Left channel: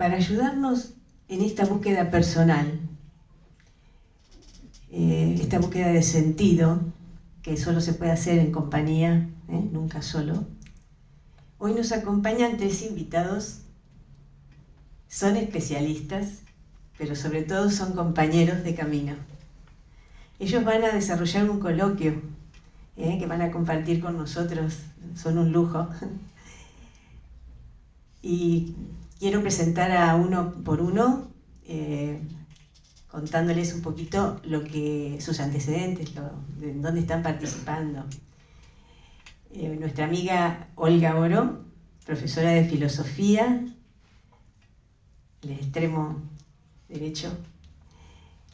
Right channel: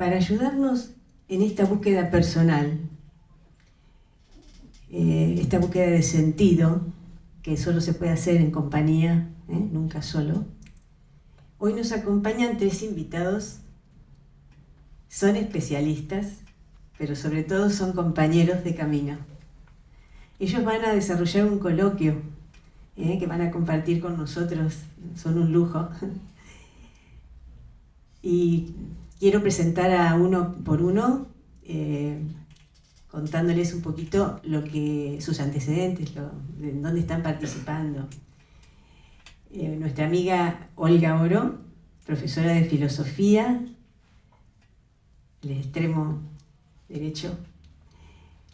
para ayudarnos en esta búsqueda personal, esta búsqueda de sentido, que solo se puede hacer en compañía, nunca solo. Hoy nos acompañan 3 invitados. Son especialistas, pero sobre todo son compañeros de camino. Ellos van a desarrollar un coloquio que van a compartir con nosotros. Son un lujo. Y quiero presentar a uno por uno, contándoles un poquito sus antecedentes, de dónde están participando. Nuestra amiga Olga Oro, profesora de filosofía, el extremo derecho,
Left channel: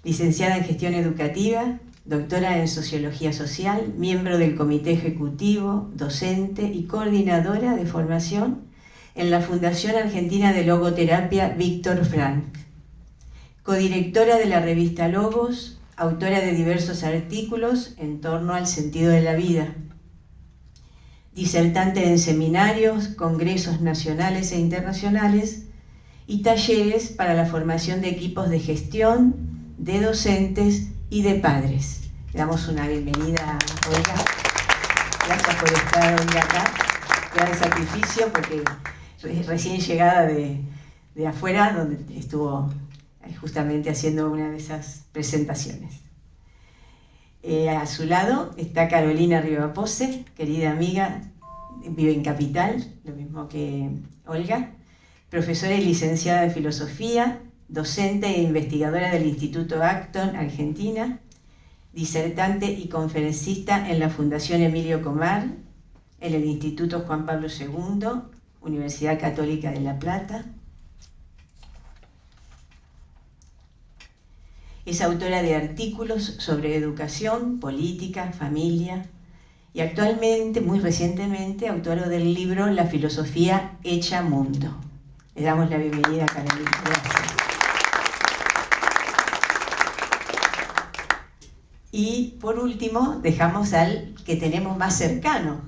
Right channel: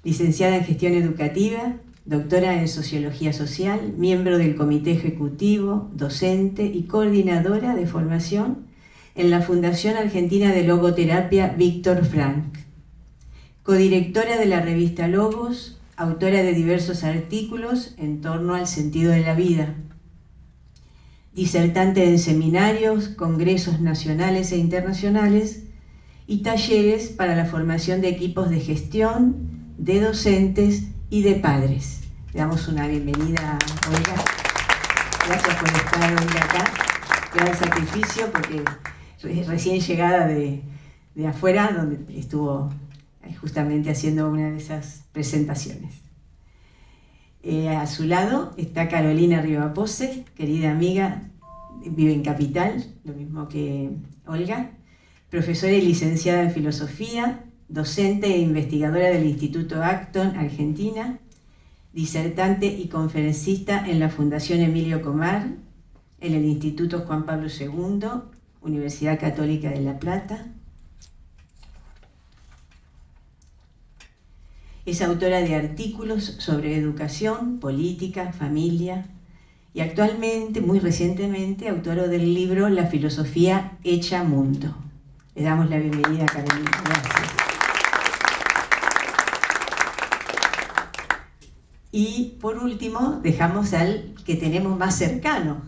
licenciada en gestión educativa, doctora en sociología social, miembro del comité ejecutivo, docente y coordinadora de formación en la Fundación Argentina de Logoterapia Víctor Frank, codirectora de la revista Logos, autora de diversos artículos en torno al sentido de la vida, disertante en seminarios, congresos nacionales e internacionales y talleres para la formación de equipos de gestión, de docentes y de padres. Le damos una bienvenida a Olga. Gracias por estar hoy acá. Gran sacrificio porque es recién llegada de afuera, donde estuvo justamente haciendo una de esas presentaciones. A su lado está Carolina Rivapose, querida amiga, vive en Capital, lo mismo que Olga, profesora y licenciada en filosofía, docente e investigadora del Instituto Acton, Argentina, disertante y conferencista en la Fundación Emilio Comar, en el Instituto Juan Pablo II, Universidad Católica de La Plata. Es autora de artículos sobre educación, política, familia y actualmente, muy recientemente, autora del libro La filosofía hecha mundo. Le damos la bienvenida a Carolina. Gracias. Y por último, dejamos al que tenemos más cercano,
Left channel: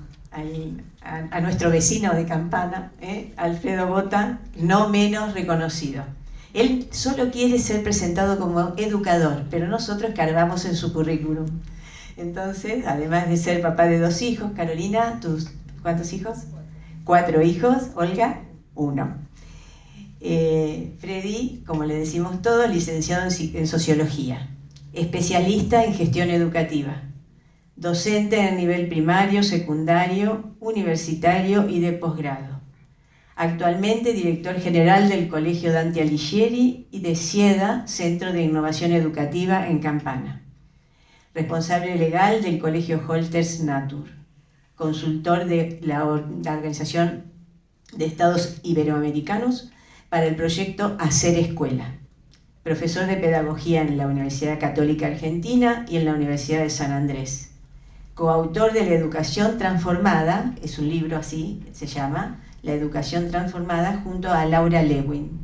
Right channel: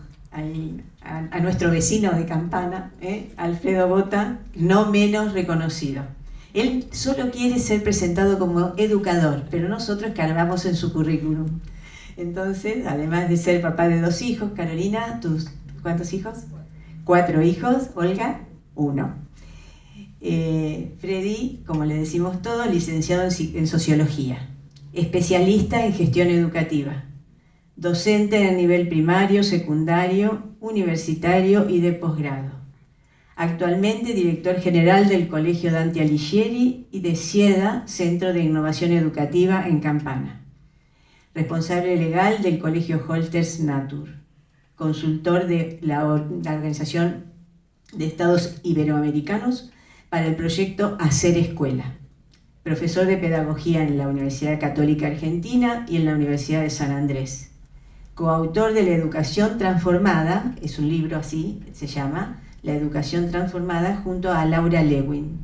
a nuestro vecino de Campana, Alfredo Bota, no menos reconocido. Él solo quiere ser presentado como educador, pero nosotros cargamos en su currículum. Entonces, además de ser papá de 2 hijos, Carolina, ¿cuántos hijos? 4 hijos, Olga, 1. Freddy, como le decimos todos, licenciado en sociología, especialista en gestión educativa, docente en nivel primario, secundario, universitario y de posgrado. Actualmente director general del Colegio Dante Alighieri y de CIEDA, Centro de Innovación Educativa en Campana. Responsable legal del Colegio Holters Natur. Consultor de la Organización de Estados Iberoamericanos para el proyecto Hacer Escuela. Profesor de Pedagogía en la Universidad Católica Argentina y en la Universidad de San Andrés. Coautor de La Educación Transformada, es un libro así, se llama, La Educación Transformada, junto a Laura Lewin.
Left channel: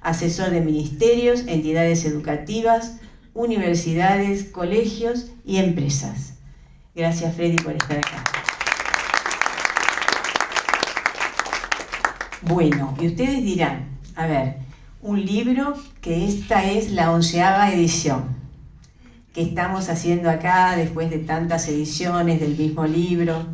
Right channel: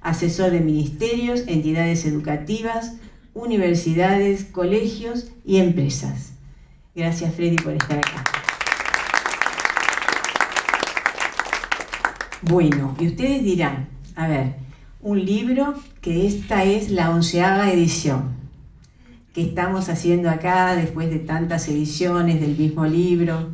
Asesor de ministerios, entidades educativas, universidades, colegios y empresas. Gracias, Freddy, por estar acá. Bueno, y ustedes dirán, a ver, un libro que esta es la 11ª edición que estamos haciendo acá después de tantas ediciones del mismo libro.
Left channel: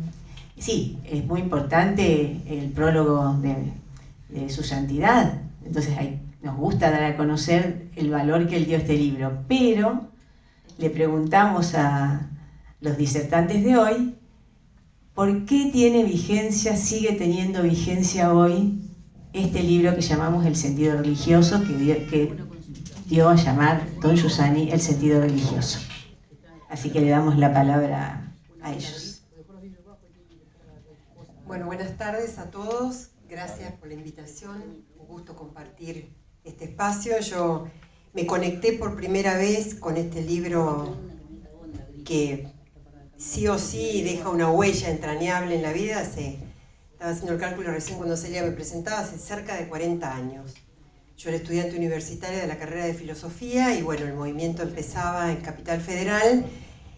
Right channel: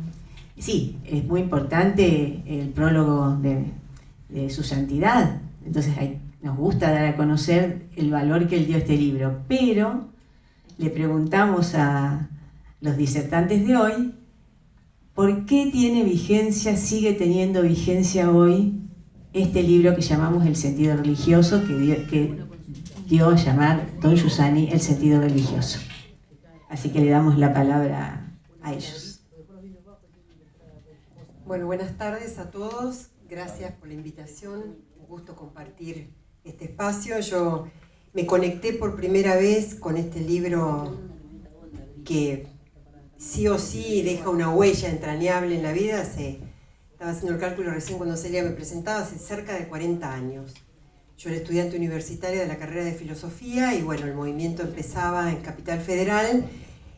Sí, es muy importante el prólogo de su santidad, entonces nos gusta dar a conocer el valor que él dio a este libro, pero le preguntamos a los disertantes de hoy, ¿por qué tiene vigencia, sigue teniendo vigencia hoy este libro que llamamos El sentido religioso, que dio a llamar Don Giussani El sentido religioso? Así que le damos la palabra a ellos. Bueno, buenas tardes a todos. Gracias por la invitación. Un gusto compartir este espacio. Yo me conecté por primera vez con este libro que sí o sí deja una huella entrañable en la vida. Estaba haciendo el cálculo recién cuando Celia me presentaba, hace cerca de 40 años. Yo era estudiante universitaria de la carrera de filosofía y bueno, el movimiento empezaba en Capital Federal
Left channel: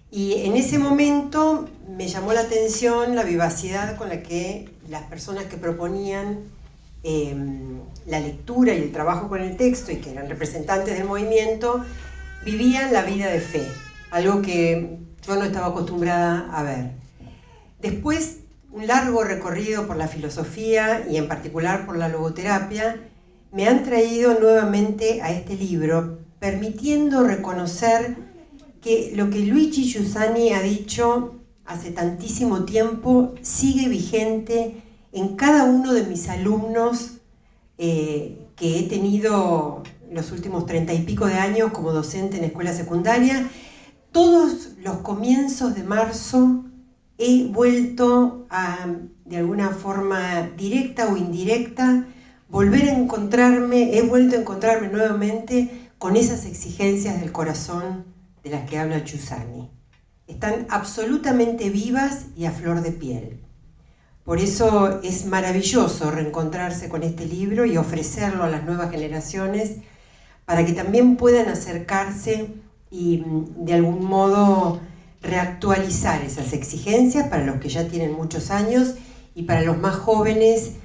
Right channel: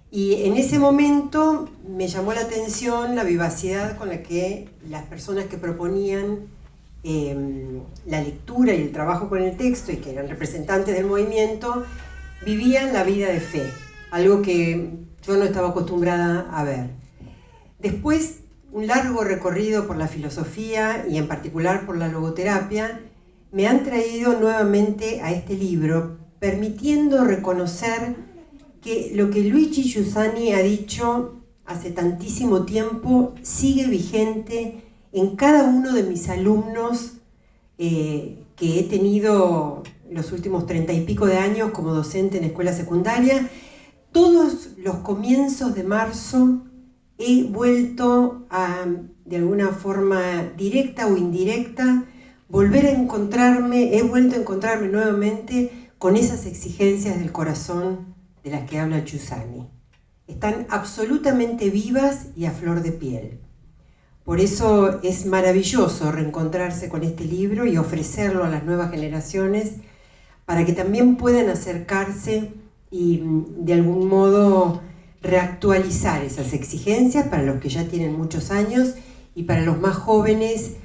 y en ese momento me llamó la atención la vivacidad con la que las personas que proponían la lectura y el trabajo con el texto, y que eran representantes del movimiento, vivían la vida de fe, algo que yo no estaba acostumbrada a ver. Después, un largo recorrido por la filosofía y en particular por la logoterapia me han traído nuevamente a este libro, permitiendo reconocer que lo que Luigi Giussani ha dicho hace tantísimo tiempo sigue vigente en cada uno de mis alumnos que he tenido los últimos 30 y pico de años como docente en escuela secundaria. Todos los comienzos de marzo he vuelto a, de alguna forma directa o indirecta, he vuelto a encontrarme nuevamente con esas exigencias del corazón de las que habla Giussani. Están absolutamente vivas y a flor de piel. Por eso es maravilloso reencontrarse con este libro y ofrecerlo a las nuevas generaciones para que también puedan acercarse y de algún modo reactualizar esas exigencias para los que ya tienen muchos años y para los más jóvenes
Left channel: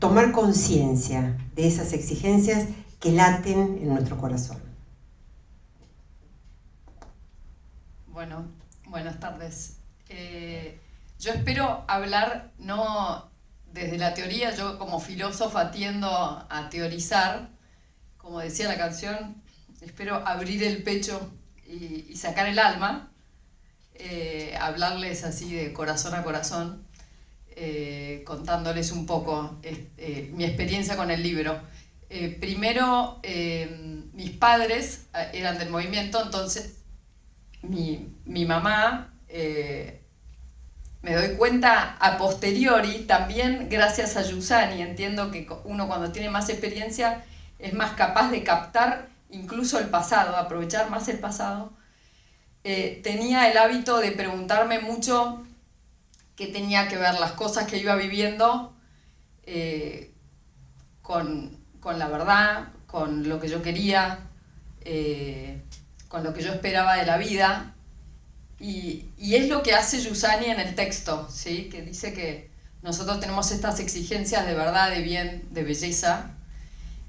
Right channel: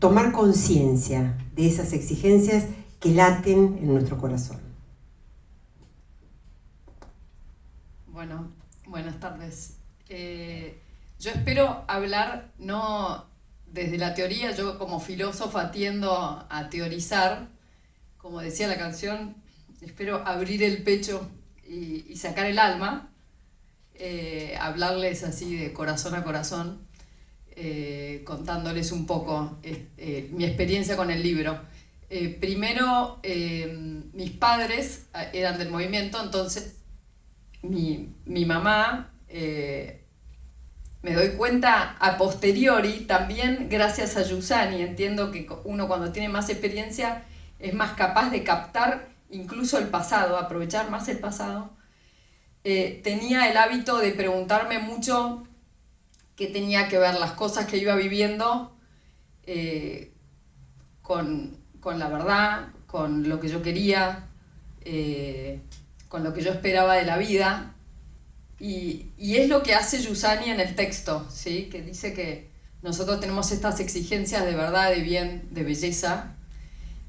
tomar conciencia de esas exigencias que laten en nuestro corazón. Bueno, buenas tardes. Yo espero hablar no desde la teoría, yo como filósofa tiendo a teorizar, como decía la canción, espero abrir el pecho y sacar el alma, hablarles así de corazón a corazón, contándoles un poco mi experiencia con el libro. Primero, mis padres eran del movimiento, entonces mi mamá, me doy cuenta a posteriori, también gracias a Giussani, entiendo que uno cuando tiene más experiencia es más capaz de captar incluso el pasado, aprovechar más el pasado. Tenía el hábito de preguntarme mucho qué tenía que ver las cosas que iba viviendo con la verdad, con lo que yo quería, con lo que yo esperaba de la vida. Y es lo que hace Giussani en el texto, ¿sí? Que dice que nosotros tenemos estas exigencias de verdad, de bien, de belleza,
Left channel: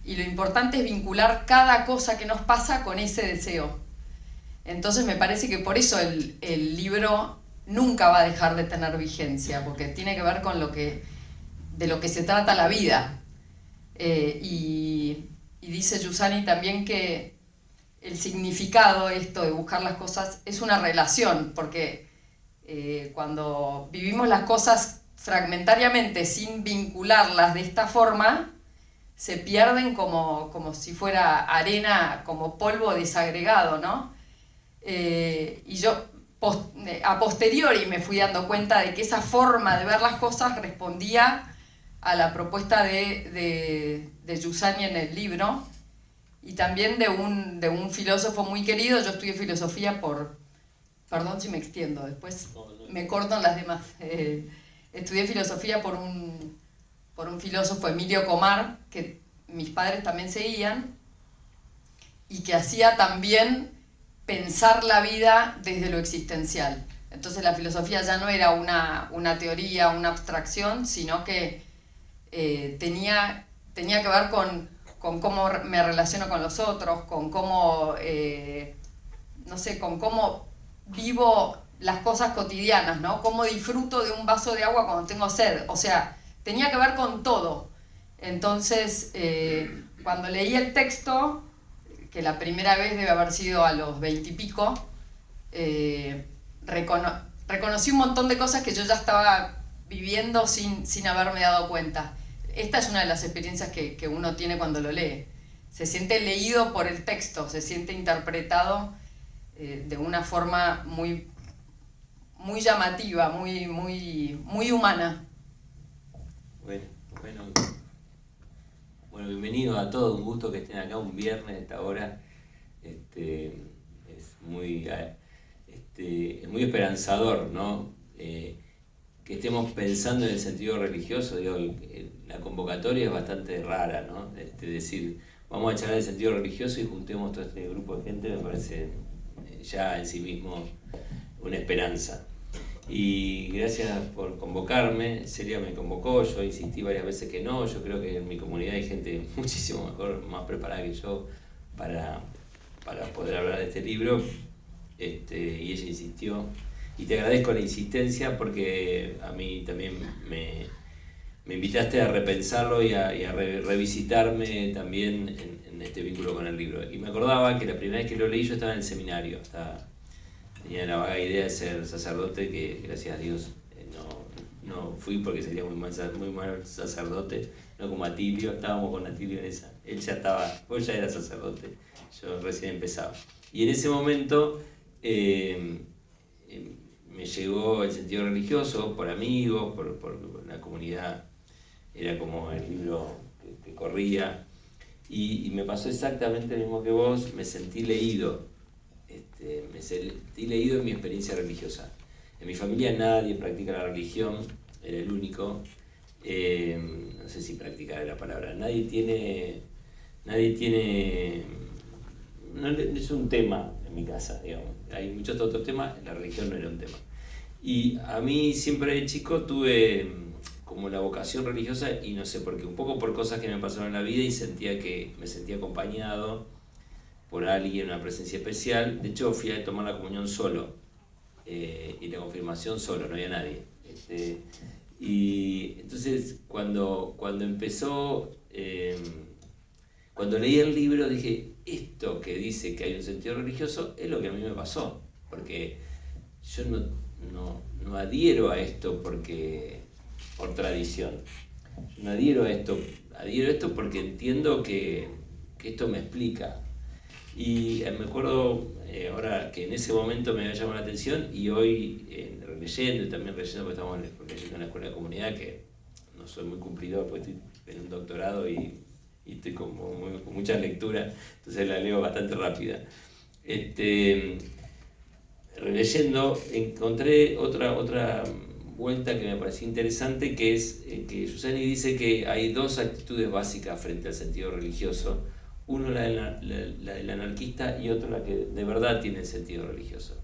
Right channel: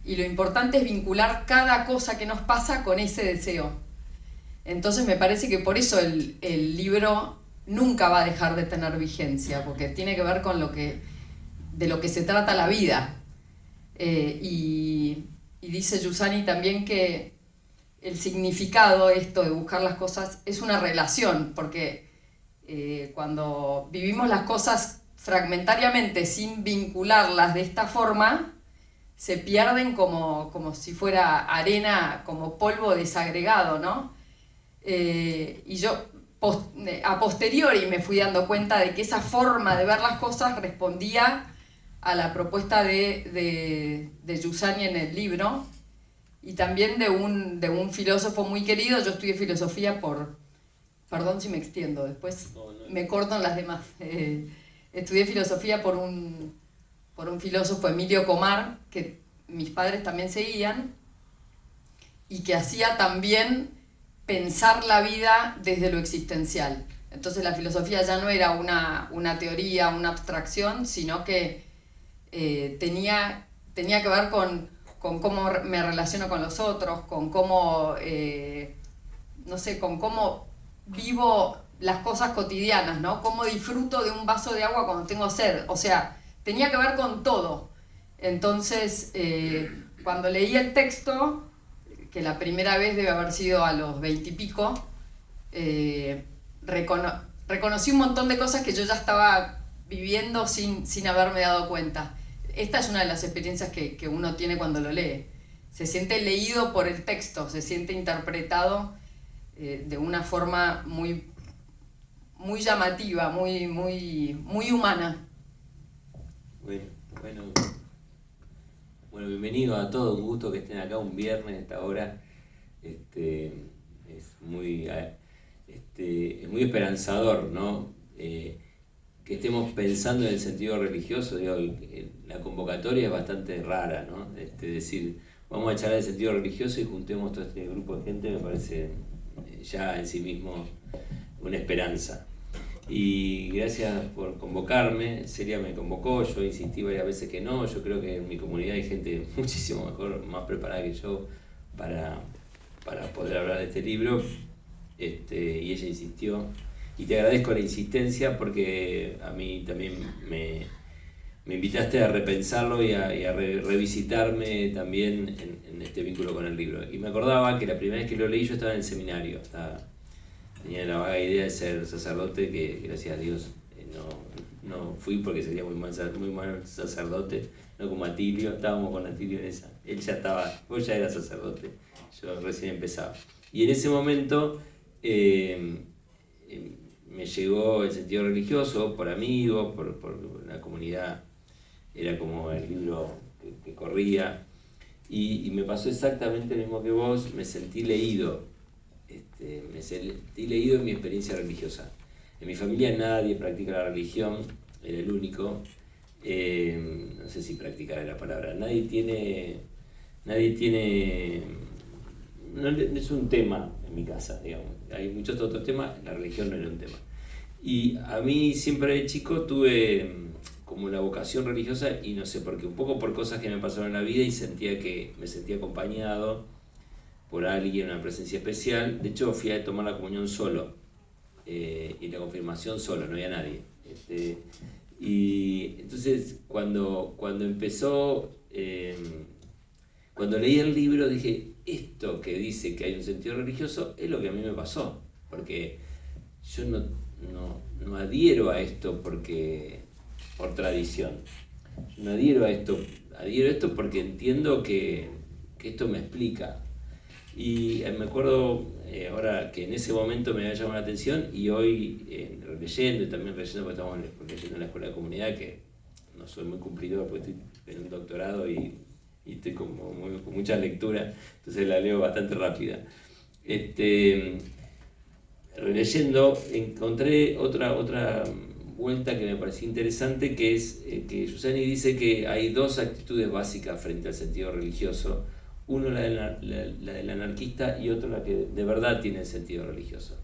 y lo importante es vincular cada cosa que nos pasa con ese deseo. Entonces me parece que por eso el libro nunca va a dejar de tener vigencia, porque tiene que ver con de lo que se trata la vida. Y dice Giussani también que el significado, esto de buscar las cosas, es una relación, porque cuando vivimos las cosas fragmentariamente, sin vincularlas de esta forma, se pierden como si fuera arena, como polvo desagregado, ¿no? Y yo a posteriori me fui dando cuenta de que esa forma de ver las cosas respondía a la propuesta de Giussani en el libro, y también de un filósofo muy querido. Yo estudié filosofía perdón si me extiendo, después me corto en las demás. Estudié filosofía por un filósofo, Emilio Comar, que mis padres también seguían, y que hacía también pensar la vida desde lo existencial. Entonces la filosofía ya no era una teoría, una abstracción, sino que tenía que ver con cómo me relaciono con los otros, con cómo, con cómo vivo las cosas cotidianas, ¿no? Cómo disfruto de un vaso de agua cuando tengo sed. O sea, tenía que ver con todo. Entonces, cuando leí el texto, que la primera vez debe haber sido a los 20 y pico, reconocí un montón de cosas que yo ya estaba viviendo sin haberme dado cuenta. Esta es una de las experiencias que uno tiene cuando lo lee. Se siente leído por el texto, se siente interpretado de una forma muy, muy llamativa, muy humana. Bueno, bienvenido a todos, un gusto que estén acá un viernes a esta hora. Es muy esperanzador, ¿no? Que estemos pensando en el sentido religioso. Digo, la convocatoria es bastante rara, ¿no? Decir, vamos a echar el sentido religioso y juntemos todo este grupo de gente, me parece ya en sí mismo una esperanza. Y gracias por convocarme. Celia me convocó, yo insistí varias veces que no. Yo creo que en mi comunidad hay gente muchísimo mejor, más preparada que yo para poder hablar de este libro. Y ella insistió. Y te agradezco la insistencia porque a mí también me invitaste a repensarlo y a revisitarme también en este vínculo con el libro. Y me acordaba que la primera vez que lo leí yo estaba en el seminario. Tenía la vaga idea de ser sacerdote, que gracias a Dios no fui porque sería muy mal sacerdote, no como Atilio. Estábamos con Atilio en esa. Él ya estaba, vos ya era sacerdote, yo recién empezaba. Y en ese momento me llegó el sentido religioso por amigos, por la comunidad, era como el libro que corría. Y me pasó exactamente lo mismo que vos, me sentí leído. Me sentí leído en mi experiencia religiosa. En mi familia nadie practica la religión, era el único. No sé si practicar es la palabra. Nadie tiene, no es un tema en mi casa, digamos. Hay muchos otros temas, la religión no era un tema. Y a mí siempre de chico tuve como una vocación religiosa y no sé por qué, un poco por cosas que me pasaron en la vida y me sentía acompañado por alguien, una presencia especial. De hecho, fui a tomar la comunión solo y la confirmación solo, no había nadie. Y entonces, cuando empezó, cuando leí el libro, dije, esto que dice que hay un sentido religioso es lo que a mí me pasó, porque yo no adhiero a esto por tradición. Yo no adhiero a esto porque entiendo que esto me explica. Y me acuerdo ahora que en ese momento me había llamado la atención y hoy leyendo y también leyendo, porque estamos leyendo en la Escuela de Comunidad, que no soy muy cumplidor porque estoy en un doctorado y estoy con mucha lectura, entonces la leo bastante rápida. Releyendo encontré otra vuelta que me pareció interesante, que es que Giussani dice que hay dos actitudes básicas frente al sentido religioso. Uno la del anarquista y otro la que de verdad tiene sentido religioso.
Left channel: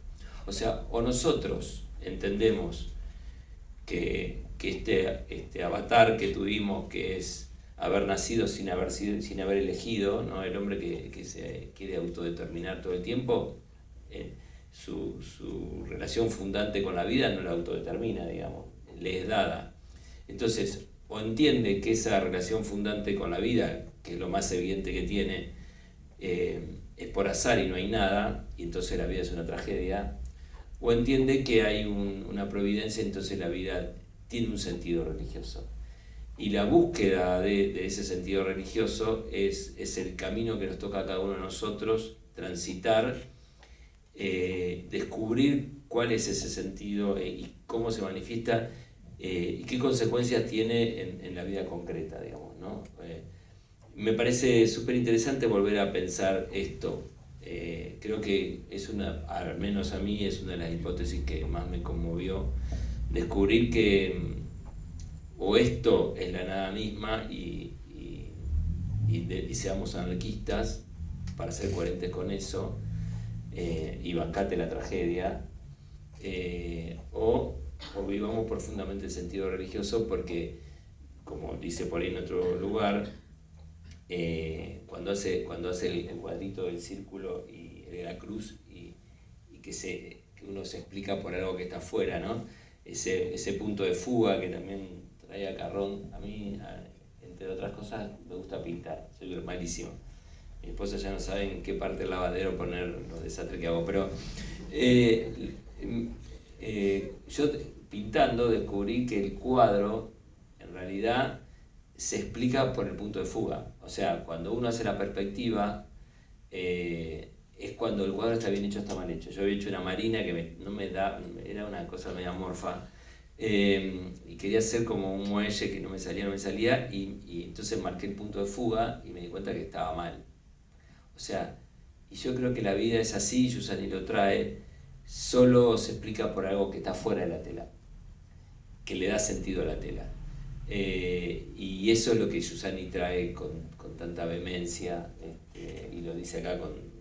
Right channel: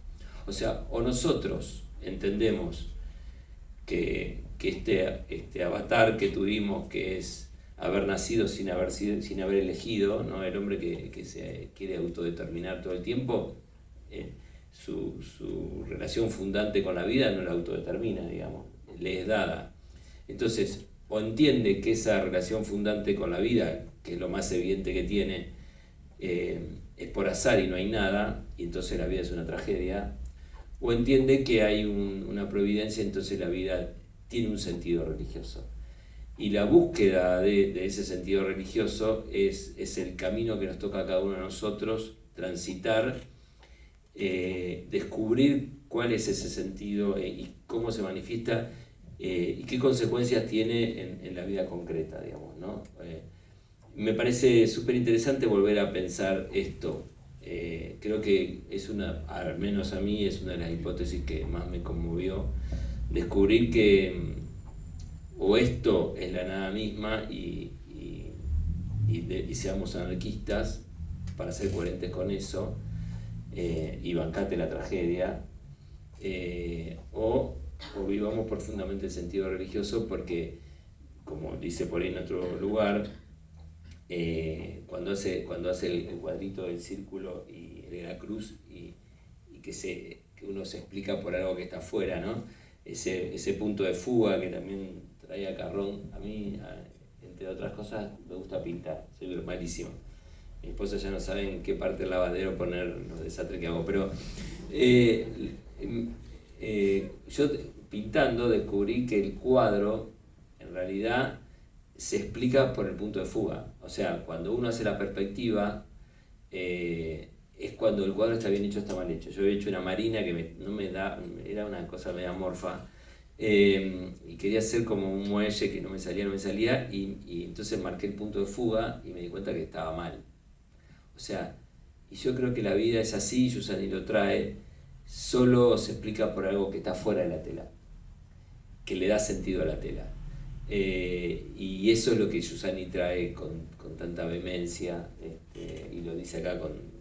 O sea, o nosotros entendemos que este avatar que tuvimos, que es haber nacido sin haber elegido, ¿no? El hombre que se quiere autodeterminar todo el tiempo, su relación fundante con la vida no la autodetermina, digamos, le es dada. Entonces, o entiende que esa relación fundante con la vida, que es lo más evidente que tiene, es por azar y no hay nada, y entonces la vida es una tragedia, o entiende que hay una providencia, entonces la vida tiene un sentido religioso. Y la búsqueda de ese sentido religioso es el camino que nos toca a cada uno de nosotros transitar, descubrir cuál es ese sentido y cómo se manifiesta y qué consecuencias tiene en la vida concreta, digamos, ¿no? Me parece súper interesante volver a pensar esto. Creo que al menos a mí, es una de las hipótesis que más me conmovió, descubrir que o esto es la nada misma y seamos anarquistas para ser coherentes con eso, y bancate la tragedia, o vivamos profundamente el sentido religioso, porque, como dice por ahí en otro lugar, cuando hace el cuadrito del círculo y de la cruz y que uno se explica por algo que está afuera, ¿no? Ese punto de fuga que también trae a Carrón. A mí, entre otras cosas, me gusta pintar, soy malísimo. Mi esposa ya no sabe en qué parte del lavadero poner los desastres que hago, pero yo pintando descubrí que el cuadro en realidad se explica por el punto de fuga. O sea, cuando uno hace la perspectiva, es cuando el cuadro está bien hecho o está mal hecho. Yo había hecho una marina que era una cosa media amorfa, y quería hacer como un muelle que no me salía, y entonces marqué el punto de fuga y me di cuenta que estaba mal. O sea, y yo creo que la vida es así, Giussani lo trae, solo se explica por algo que está fuera de la tela, que le da sentido a la tela. Y eso es lo que Giussani trae con tanta vehemencia, y lo dice acá con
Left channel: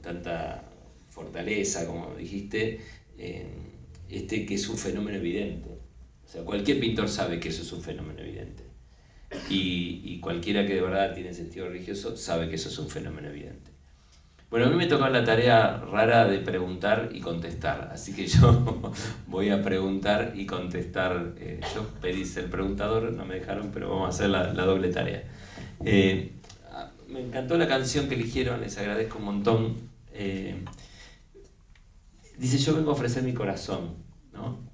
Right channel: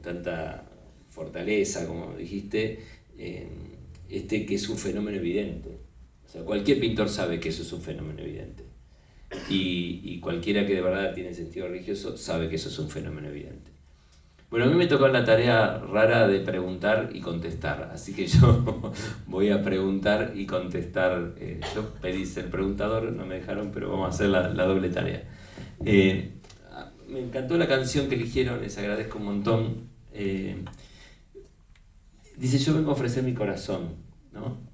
tanta fortaleza, como dijiste, que es un fenómeno evidente. O sea, cualquier pintor sabe que eso es un fenómeno evidente. Y cualquiera que de verdad tiene sentido religioso sabe que eso es un fenómeno evidente. Bueno, a mí me tocó la tarea rara de preguntar y contestar, así que yo voy a preguntar y contestar. Yo pedí ser preguntador, no me dejaron, pero vamos a hacer la doble tarea. Me encantó la canción que eligieron, les agradezco un montón. Dice, yo vengo a ofrecer mi corazón, ¿no?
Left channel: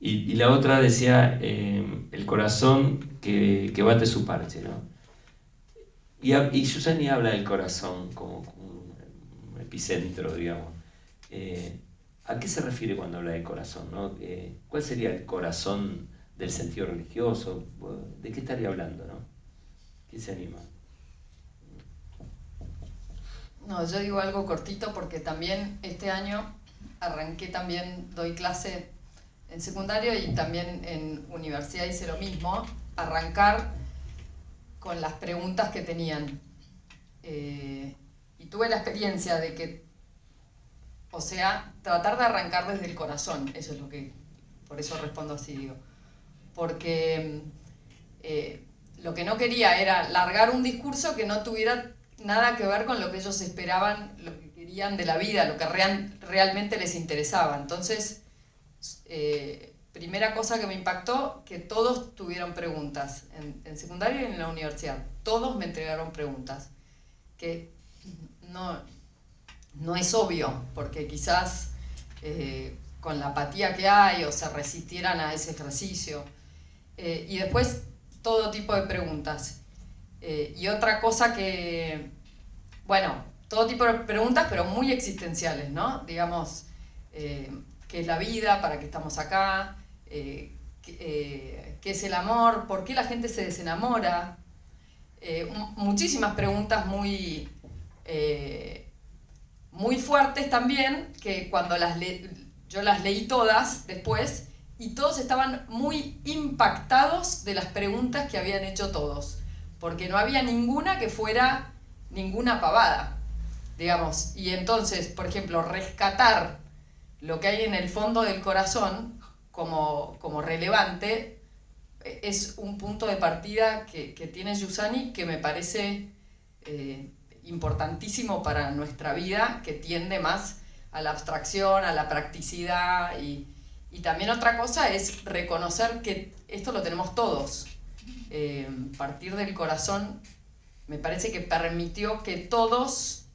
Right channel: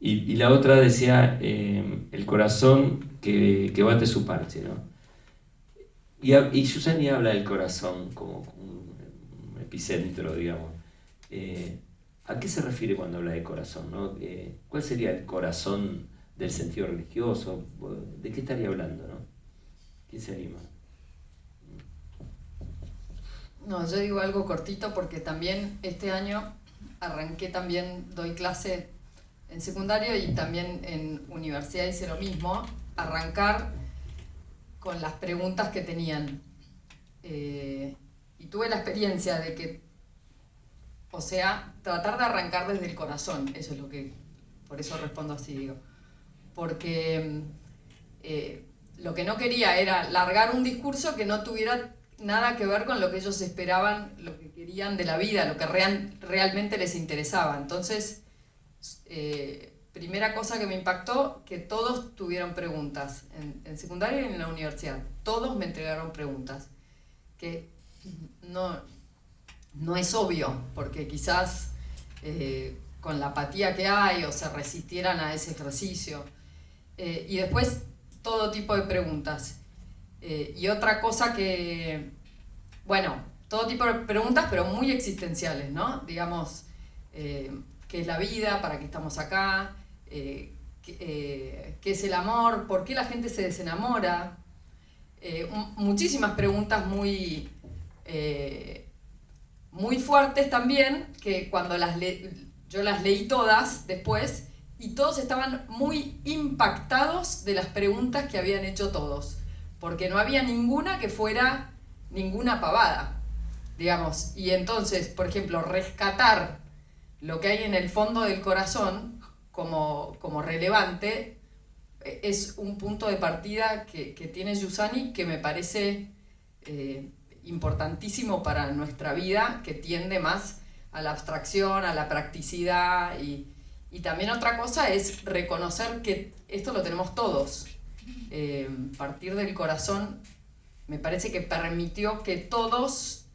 Y la otra decía, el corazón que bate su parche, ¿no? Y Giussani habla del corazón como un epicentro, digamos. ¿A qué se refiere cuando habla de corazón, no? ¿Cuál sería el corazón del sentido religioso? ¿De qué estaría hablando, no? ¿Quién se anima? No, yo digo algo cortito porque también este año arranqué, también doy clase en secundario y también en universidad hice lo mismo, arrancar con las preguntas que tenían. Y tuve la experiencia de que, o sea, tratar de arrancar desde el corazón, eso es lo que, por eso respondo así, digo. Porque lo que no quería era largar un discurso que no tuviera nada que ver con lo que ellos esperaban, lo que querían de la vida, lo que realmente les interesaba. Entonces, primera cosa que me impactó, que todos tuvieron preguntas, en secundaria y en la universidad. Todos me entregaron preguntas, que no es obvio, porque quizás con la apatía que hay o se resistieran a ese ejercicio. Y después todo tipo de preguntas. Y otra cosa que, bueno, todo tipo de preguntas, pero muy existenciales, ¿no? Digamos, ¿qué es la vida? ¿Para qué estamos acá? ¿Qué es el amor? ¿Por qué la gente se desenamora? Muchísimas preguntas muy fuertes también, que cuando yo las leí todas después, y todos estaban muy impactados de las preguntas que habían hecho todos, porque no había ninguna que fuera ninguna pavada, digamos. Y entonces, por ejemplo, rescatar lo que hay en el fondo del corazón como relevante es un punto de partida que tiene Giussani que me parece importantísimo para nuestra vida, que tiende más a la abstracción, a la practicidad, y también otra cosa es reconocer que esto lo tenemos todos. Partir del corazón me parece que permitió que todos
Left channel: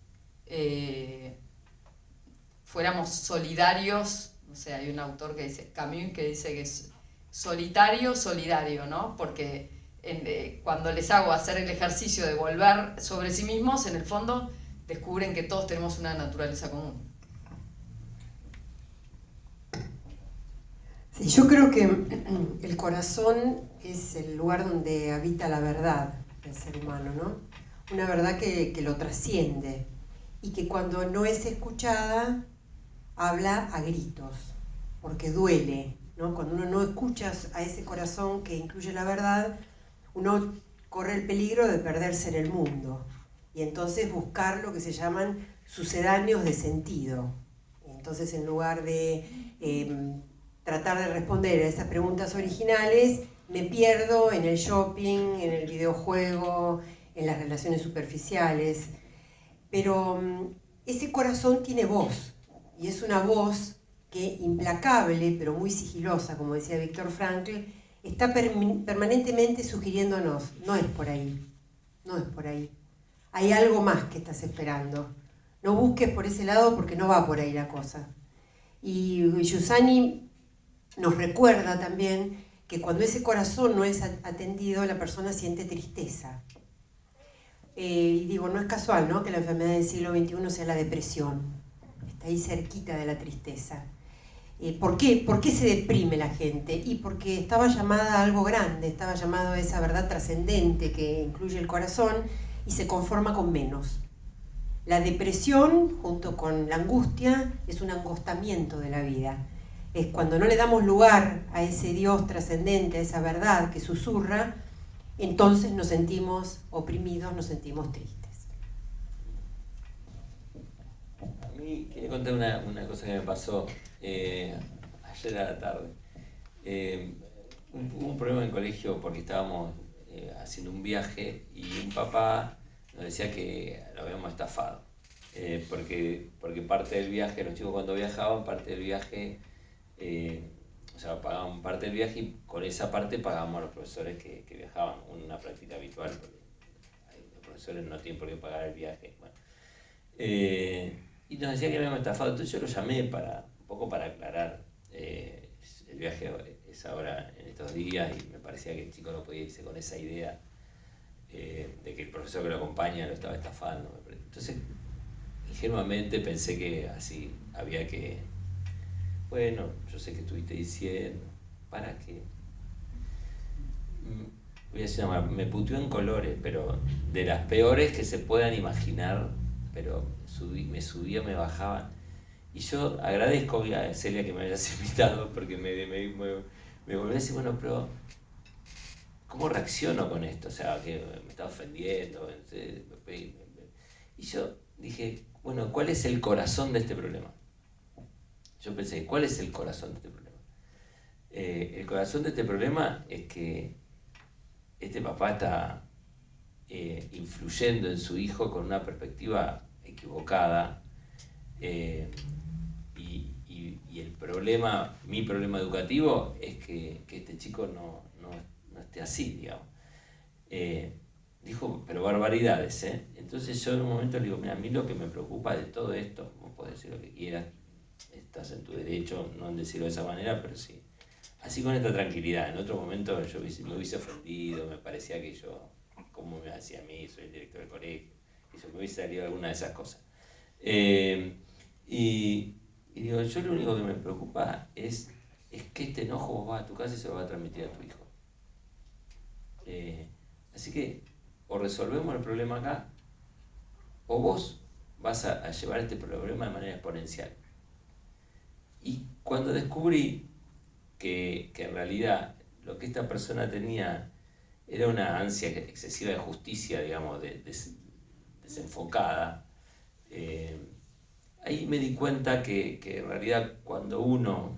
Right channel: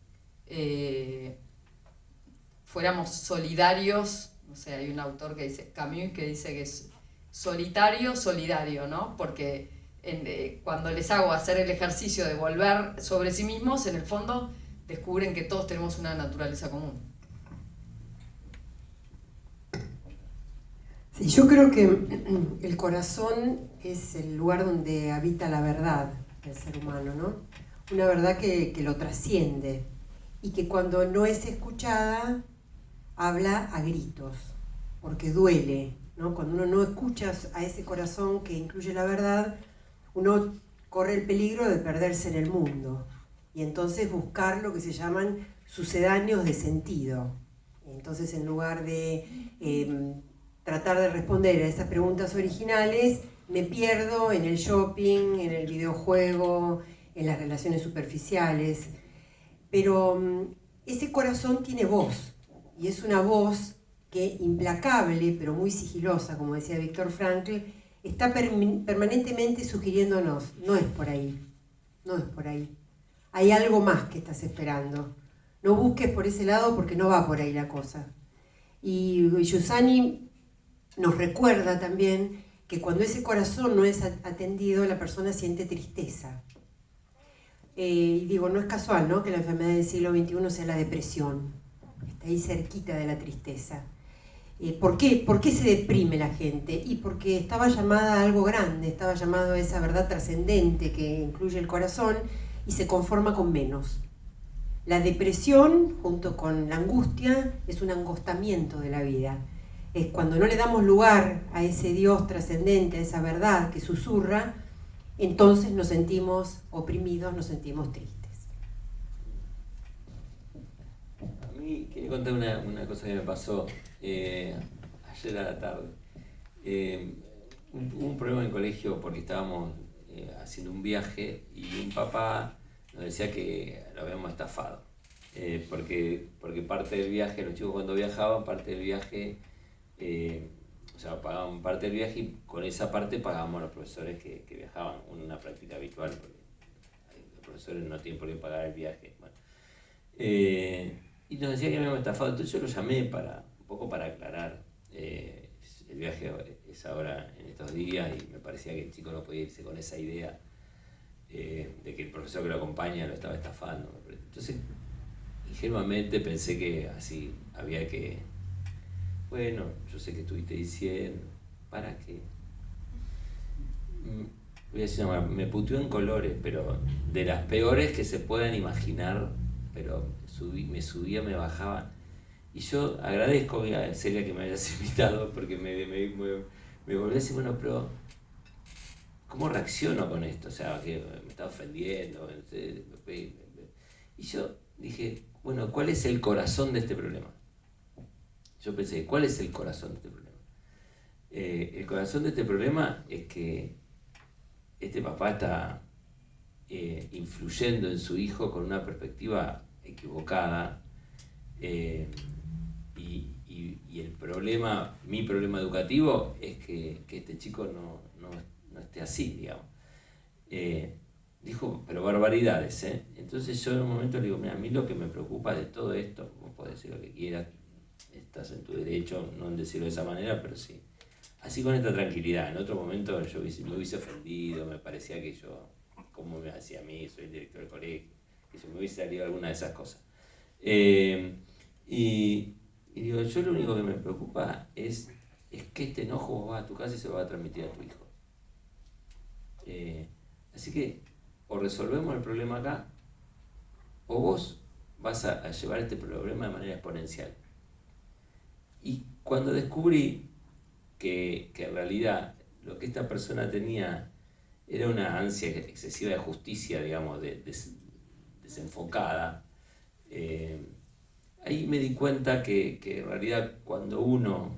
fuéramos solidarios. No sé, hay un autor que dice, Camus, que dice que es solitario, solidario, ¿no? Porque cuando les hago hacer el ejercicio de volver sobre sí mismos, en el fondo descubren que todos tenemos una naturaleza común. Sí, yo creo que el corazón es el lugar donde habita la verdad del ser humano, ¿no? Una verdad que lo trasciende y que cuando no es escuchada habla a gritos, porque duele, ¿no? Cuando uno no escucha a ese corazón que incluye la verdad, uno corre el peligro de perderse en el mundo y entonces buscar lo que se llaman sucedáneos de sentido. Entonces, en lugar de tratar de responder a esas preguntas originales, me pierdo en el shopping, en el videojuego, en las relaciones superficiales. Pero ese corazón tiene voz, y es una voz que, implacable, pero muy sigilosa, como decía Viktor Frankl, está permanentemente sugiriéndonos, no es por ahí, no es por ahí. Hay algo más que estás esperando. No busques por ese lado porque no va por ahí la cosa. Y Giussani nos recuerda también que cuando ese corazón no es atendido, la persona siente tristeza. Y digo, no es casual, ¿no?, que la enfermedad del siglo XXI sea la depresión. Está ahí cerquita de la tristeza. ¿Por qué? ¿Por qué se deprime la gente? Y porque estaba llamada a algo grande, estaba llamado a esa verdad trascendente que incluye el corazón y se conforma con menos. La depresión, junto con la angustia, es un angostamiento de la vida. Es cuando no le damos lugar a ese Dios trascendente, a esa verdad que susurra, entonces nos sentimos oprimidos, nos sentimos tristes. A mí quería contar una cosa que me pasó. ayer a la tarde. Hubo un problema en el colegio porque estábamos haciendo un viaje y un papá nos decía que lo habíamos estafado. Porque parte del viaje, los chicos cuando viajaban, parte del viaje, o sea, pagaban parte del viaje y con esa parte pagábamos a los profesores que viajaban, una práctica habitual, porque los profesores no tienen por qué pagar el viaje. Bueno. Y nos decía que no habíamos estafado, entonces yo lo llamé un poco para aclarar. El viaje es ahora en estos días y me parecía que el chico no podía irse con esa idea de que el profesor que lo acompaña lo estaba estafando. Entonces, ingenuamente pensé que así había que, bueno, yo sé que estuviste diciendo, ¿para qué? Voy a decir, me puteó en colores, pero de las peores que se puedan imaginar, pero me subía, me bajaba. Y yo agradezco a Celia que me hayas invitado, porque me volví a decir, bueno, pero ¿cómo reacciono con esto? O sea, que me está ofendiendo. Y yo dije, bueno, ¿cuál es el corazón de este problema? Yo pensé, ¿cuál es el corazón de este problema? El corazón de este problema es que este papá está influyendo en su hijo con una perspectiva equivocada, y el problema, mi problema educativo es que este chico no esté así, digamos. Dijo, pero barbaridades, ¿eh? Entonces yo en un momento le digo, mira, a mí lo que me preocupa de todo esto, vos podés decir lo que quieras, estás en tu derecho, no en decirlo de esa manera, pero sí. Así con esta tranquilidad. En otro momento yo me hubiese ofendido, me parecía que yo, como me hacía a mí, soy el director del colegio, y se me hubiese salido alguna de esas cosas. Y digo, yo lo único que me preocupa es que este enojo vos vas a tu casa y se lo vas a transmitir a tu hijo. Así que o resolvemos el problema acá, o vos vas a llevar este problema de manera exponencial. Y cuando descubrí que en realidad lo que esta persona tenía era una ansia excesiva de justicia, digamos, desenfocada, ahí me di cuenta que en realidad cuando uno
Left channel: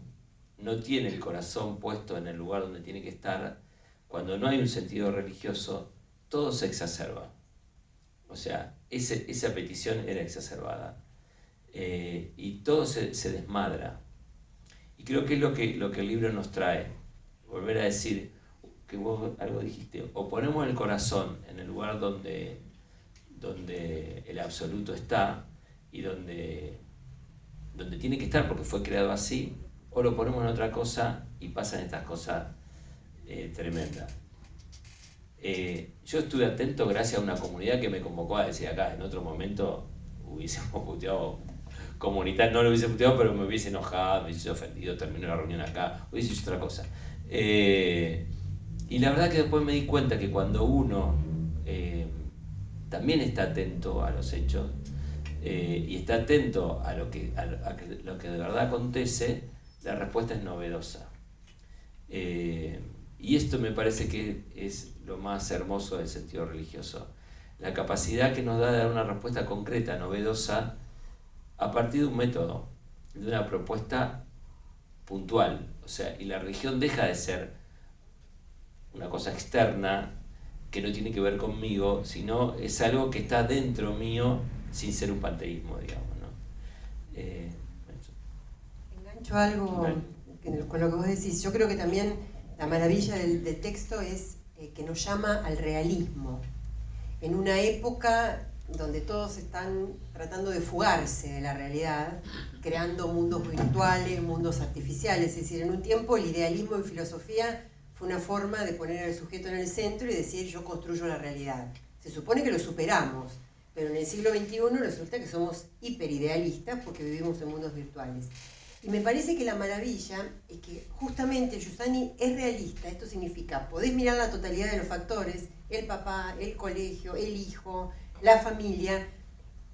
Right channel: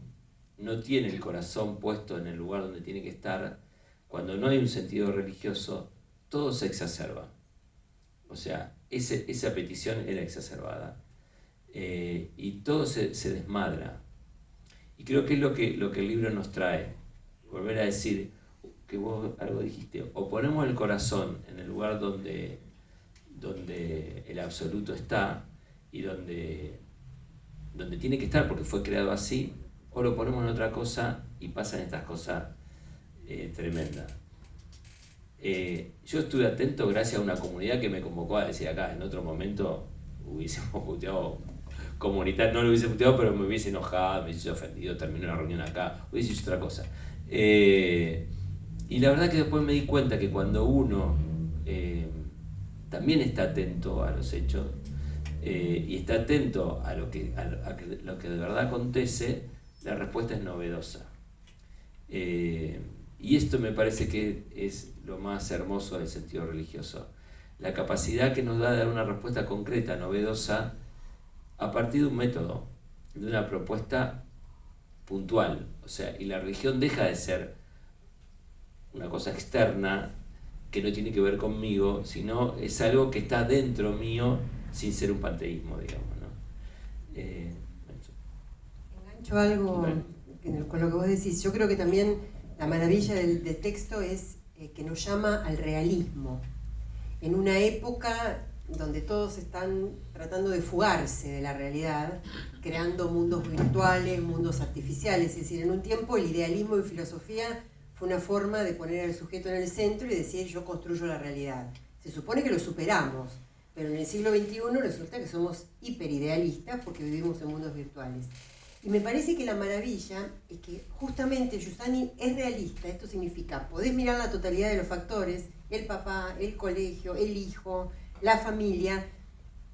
no tiene el corazón puesto en el lugar donde tiene que estar, cuando no hay un sentido religioso, todo se exacerba. O sea, esa petición era exacerbada. Y todo se desmadra. Y creo que es lo que el libro nos trae. Volver a decir, que vos algo dijiste, o ponemos el corazón en el lugar donde el absoluto está y donde tiene que estar porque fue creado así, o lo ponemos en otra cosa y pasan estas cosas tremendas. Yo estuve atento gracias a una comunidad que me convocó a decir acá, en otro momento hubiésemos puteado comunitario, no lo hubiese puteado, pero me hubiese enojado, me hubiese ofendido, terminó la reunión acá, hubiese hecho otra cosa. Y la verdad que después me di cuenta que cuando uno también está atento a los hechos y está atento a lo que de verdad acontece, la respuesta es novedosa. Y esto me parece que es lo más hermoso del sentido religioso. La capacidad que nos da de dar una respuesta concreta, novedosa, a partir de un método, de una propuesta puntual. O sea, y la religión deja de ser una cosa externa que no tiene que ver conmigo, sino es algo que está dentro mío sin ser un panteísmo, digamos, ¿no? Engancho algo con lo que vos decís. Yo creo que también la maravilla del texto es que nos llama al realismo. En una época donde todos están tratando de fugarse de la realidad, creando mundos virtuales, mundos artificiales. Es decir, en un tiempo el idealismo en filosofía fue una forma de poner al sujeto en el centro y decir yo construyo la realidad. Se supone que lo superamos, pero en el siglo XXI resulta que somos hiperidealistas porque vivimos en mundos virtuales. Y me parece que la maravilla es que justamente Giussani es realista. Esto significa, podés mirar la totalidad de los factores, el papá, el colegio, el hijo, la familia,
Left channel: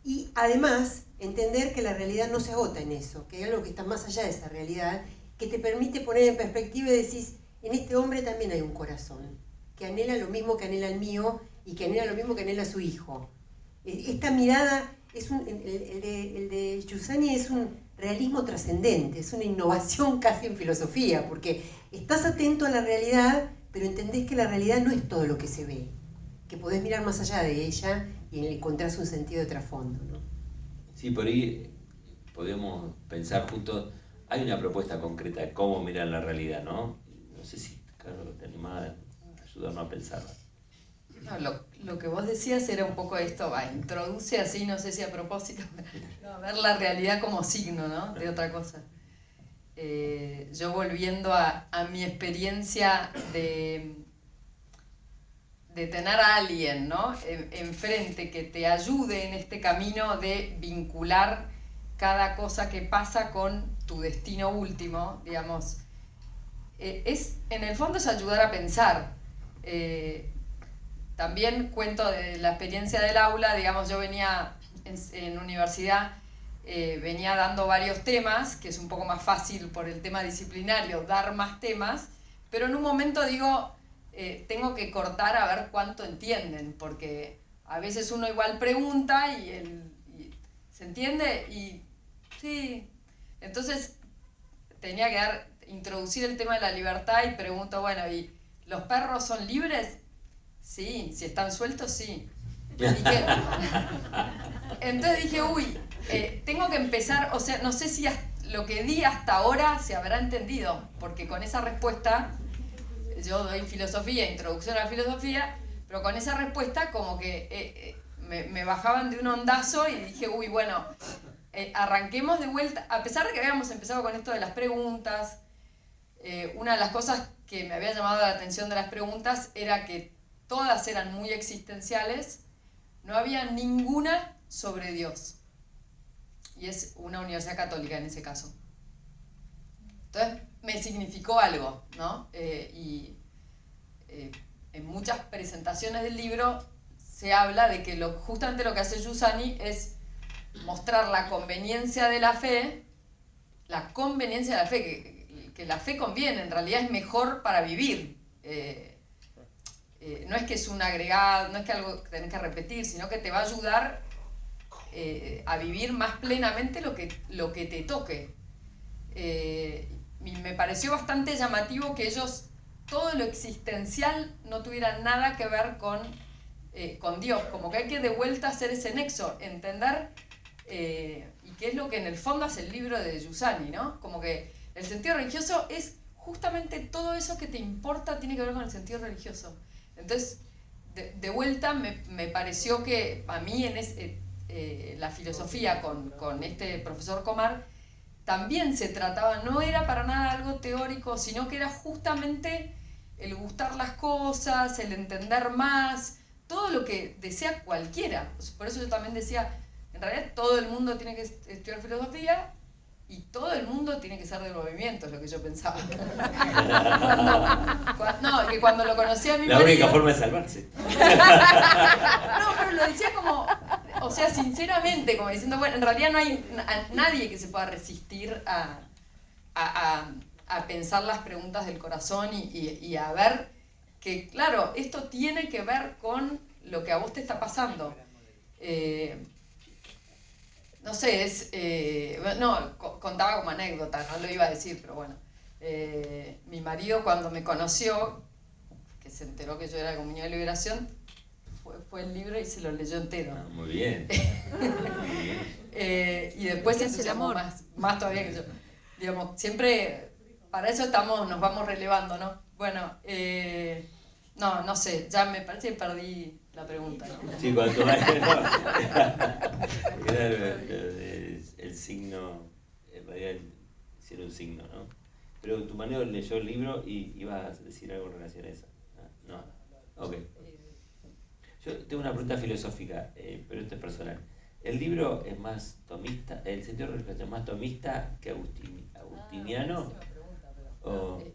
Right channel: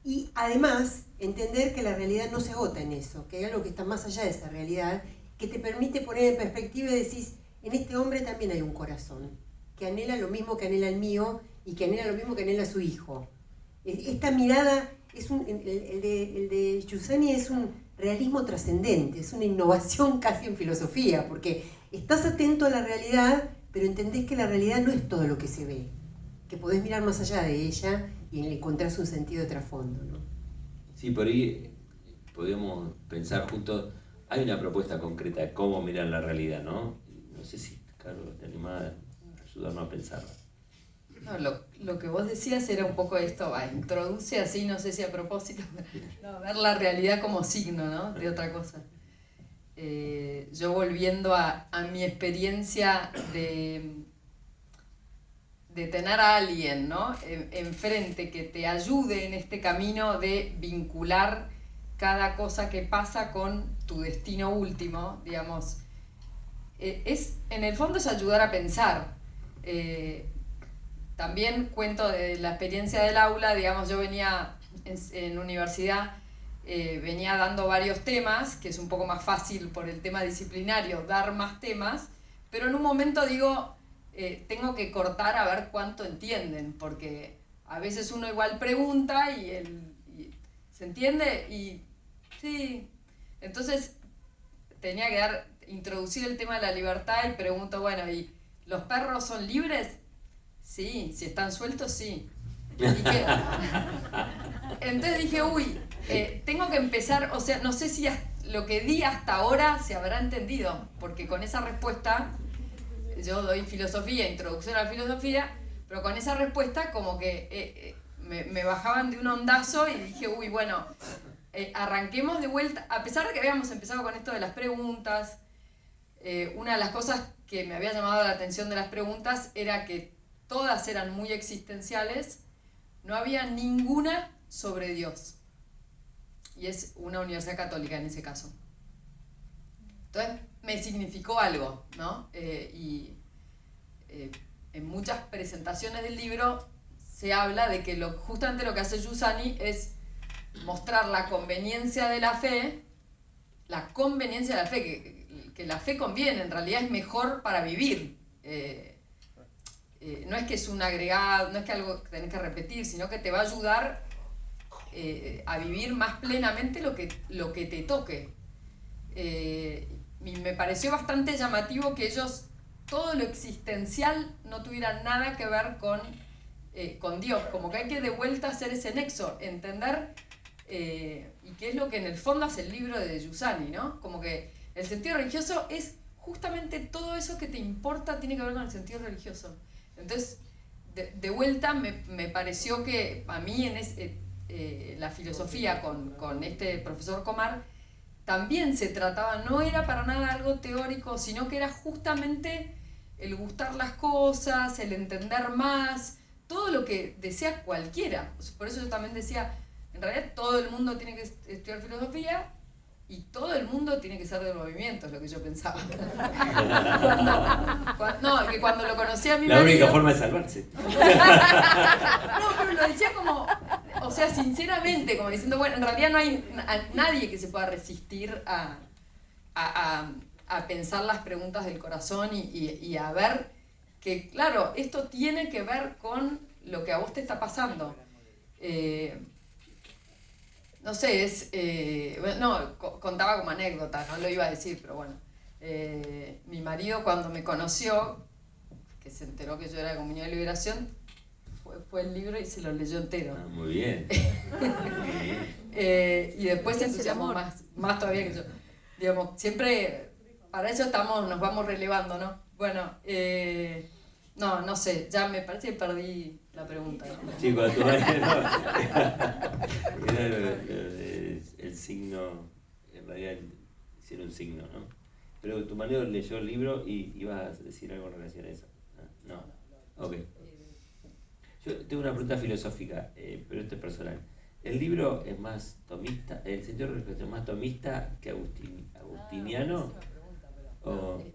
y además entender que la realidad no se agota en eso, que hay algo que está más allá de esa realidad, que te permite poner en perspectiva y decís, en este hombre también hay un corazón, que anhela lo mismo que anhela el mío y que anhela lo mismo que anhela su hijo. Esta mirada, el de Giussani es un realismo trascendente, es una innovación casi en filosofía, porque estás atento a la realidad, pero entendés que la realidad no es todo lo que se ve, que podés mirar más allá de ella y encontrás un sentido de trasfondo, ¿no? Sí, por ahí podemos pensar juntos, hay una propuesta concreta de cómo mirar la realidad, ¿no? No sé si, Carlos, te animás a ayudarnos a pensar. No, lo que vos decías era un poco esto, introduce así, no sé si a propósito, no, ver la realidad como signo, ¿no? De otra cosa. Yo volviendo a mi experiencia de tener a alguien, ¿no? Enfrente que te ayude en este camino de vincular cada cosa que pasa con tu destino último, digamos, en el fondo es ayudar a pensar. También cuento de la experiencia del aula, digamos, yo venía en universidad, venía dando varios temas, que es un poco más fácil por el tema disciplinario, dar más temas, pero en un momento digo, tengo que cortar a ver cuánto entienden, porque a veces uno igual pregunta y ¿se entiende? Y sí, entonces tenía que introducir el tema de la libertad y pregunto, bueno, ¿y los perros son libres? Sí, si están sueltos, sí. Entonces dije, tengo que empezar, o sea, no sé si lo que di hasta ahora se habrá entendido, porque con esa respuesta, yo doy filosofía, introducción a la filosofía, pero con esa respuesta como que me bajaban de un ondazo y dije, bueno, arranquemos de vuelta, a pesar de que habíamos empezado con esto de las preguntas, una de las cosas que me había llamado la atención de las preguntas era que todas eran muy existenciales, no había ninguna sobre Dios. Y es una universidad católica en ese caso. Entonces me significó algo, ¿no? En muchas presentaciones del libro se habla de que justamente lo que hace Giussani es mostrar la conveniencia de la fe, que la fe conviene, en realidad es mejor para vivir. No es que es un agregado, no es que algo que tenés que repetir, sino que te va a ayudar a vivir más plenamente lo que te toque. Y me pareció bastante llamativo que ellos, todo lo existencial, no tuviera nada que ver con Dios, como que hay que de vuelta hacer ese nexo, entender, y que es lo que en el fondo hace el libro de Giussani, ¿no? Como que el sentido religioso es justamente todo eso que te importa, tiene que ver con el sentido religioso. Entonces, de vuelta me pareció que a mí la filosofía con este profesor Comar también se trataba, no era para nada algo teórico, sino que era justamente el gustar las cosas, el entender más, todo lo que desea cualquiera. Por eso yo también decía, en realidad todo el mundo tiene que estudiar filosofía y todo el mundo tiene que ser del movimiento, es lo que yo pensaba. Que cuando lo conocí a mi marido... La única forma de salvarse. No, pero lo decía como, o sea, sinceramente, como diciendo, bueno, en realidad no hay nadie que se pueda resistir a pensar las preguntas del corazón y a ver que, claro, esto tiene que ver con lo que a vos te está pasando. No sé, contaba como anécdota, no lo iba a decir, pero bueno. Mi marido cuando me conoció, que se enteró que yo era Comunidad de Liberación, fue el libro y se lo leyó entero. Muy bien. Y después se entusiasmó más todavía que yo. Digamos, siempre, para eso nos vamos relevando, ¿no? Bueno, no sé, ya me parece que perdí la pregunta. Sí, cuando tu marido era el signo, en realidad hicieron un signo, ¿no? Pero tu marido leyó el libro y ibas a decir algo en relación a eso. No. Ok. Yo tengo una pregunta filosófica, pero esto es personal. ¿El libro es más tomista, el sentido religioso es más tomista que agustiniano?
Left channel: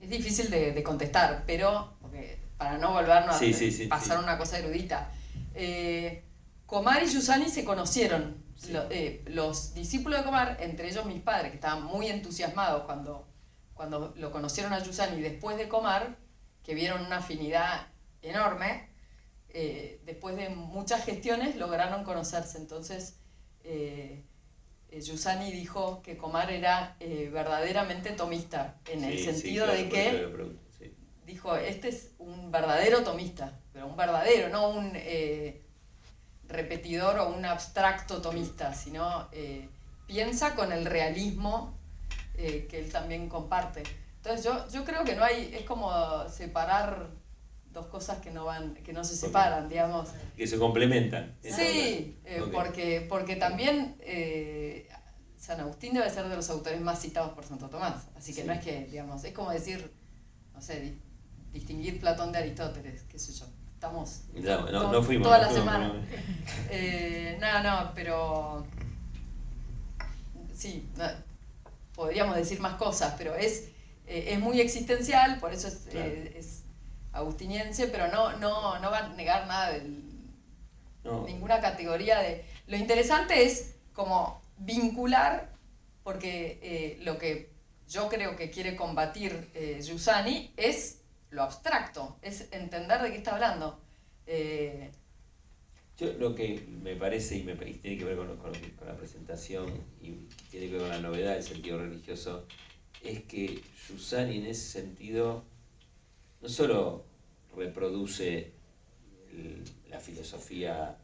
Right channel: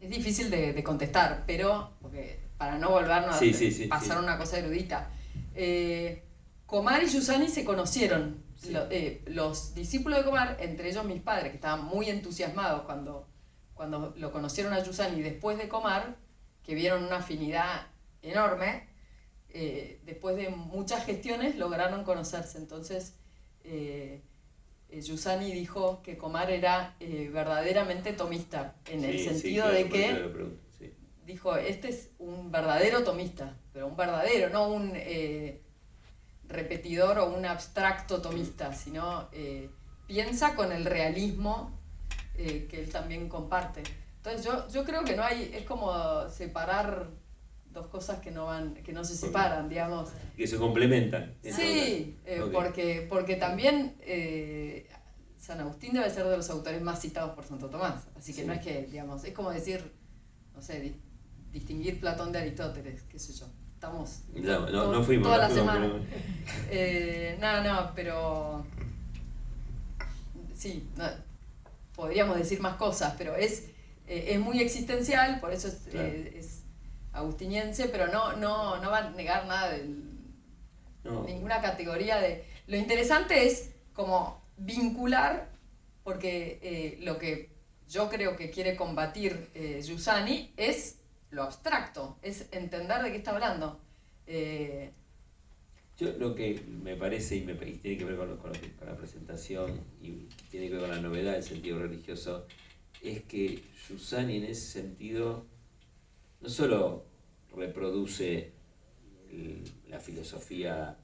Es difícil de contestar, pero porque para no volvernos a pasar una cosa erudita. Comar y Giussani se conocieron. Sí. Los discípulos de Comar, entre ellos mis padres, que estaban muy entusiasmados cuando lo conocieron a Giussani después de Comar, que vieron una afinidad enorme, después de muchas gestiones lograron conocerse. Entonces, Giussani dijo que Comar era verdaderamente tomista, en el sentido claro, de que sí. dijo, este es un verdadero tomista, pero un verdadero, no un repetidor o un abstracto tomista, sino piensa con el realismo que él también comparte. Entonces yo creo que no hay, es como separar dos cosas que no se separan, digamos. Que se complementan. Sí, porque también San Agustín debe ser de los autores más citados por Santo Tomás, así que no es que, digamos, es como decir, no sé, distinguir Platón de Aristóteles, qué sé yo. Estamos no fuimos toda la semana. No, pero sí, podríamos decir más cosas, pero es muy existencial, por eso es agustiniense, pero no va a negar nada de ninguna categoría de... Lo interesante es como vincular, porque lo que yo creo que quiere combatir Giussani es lo abstracto, es entender de qué está hablando. Yo lo que me parece, y tiene que ver con la presentación, y tiene que ver con la novedad del sentido religioso, es que Giussani en ese sentido no solo reproduce la filosofía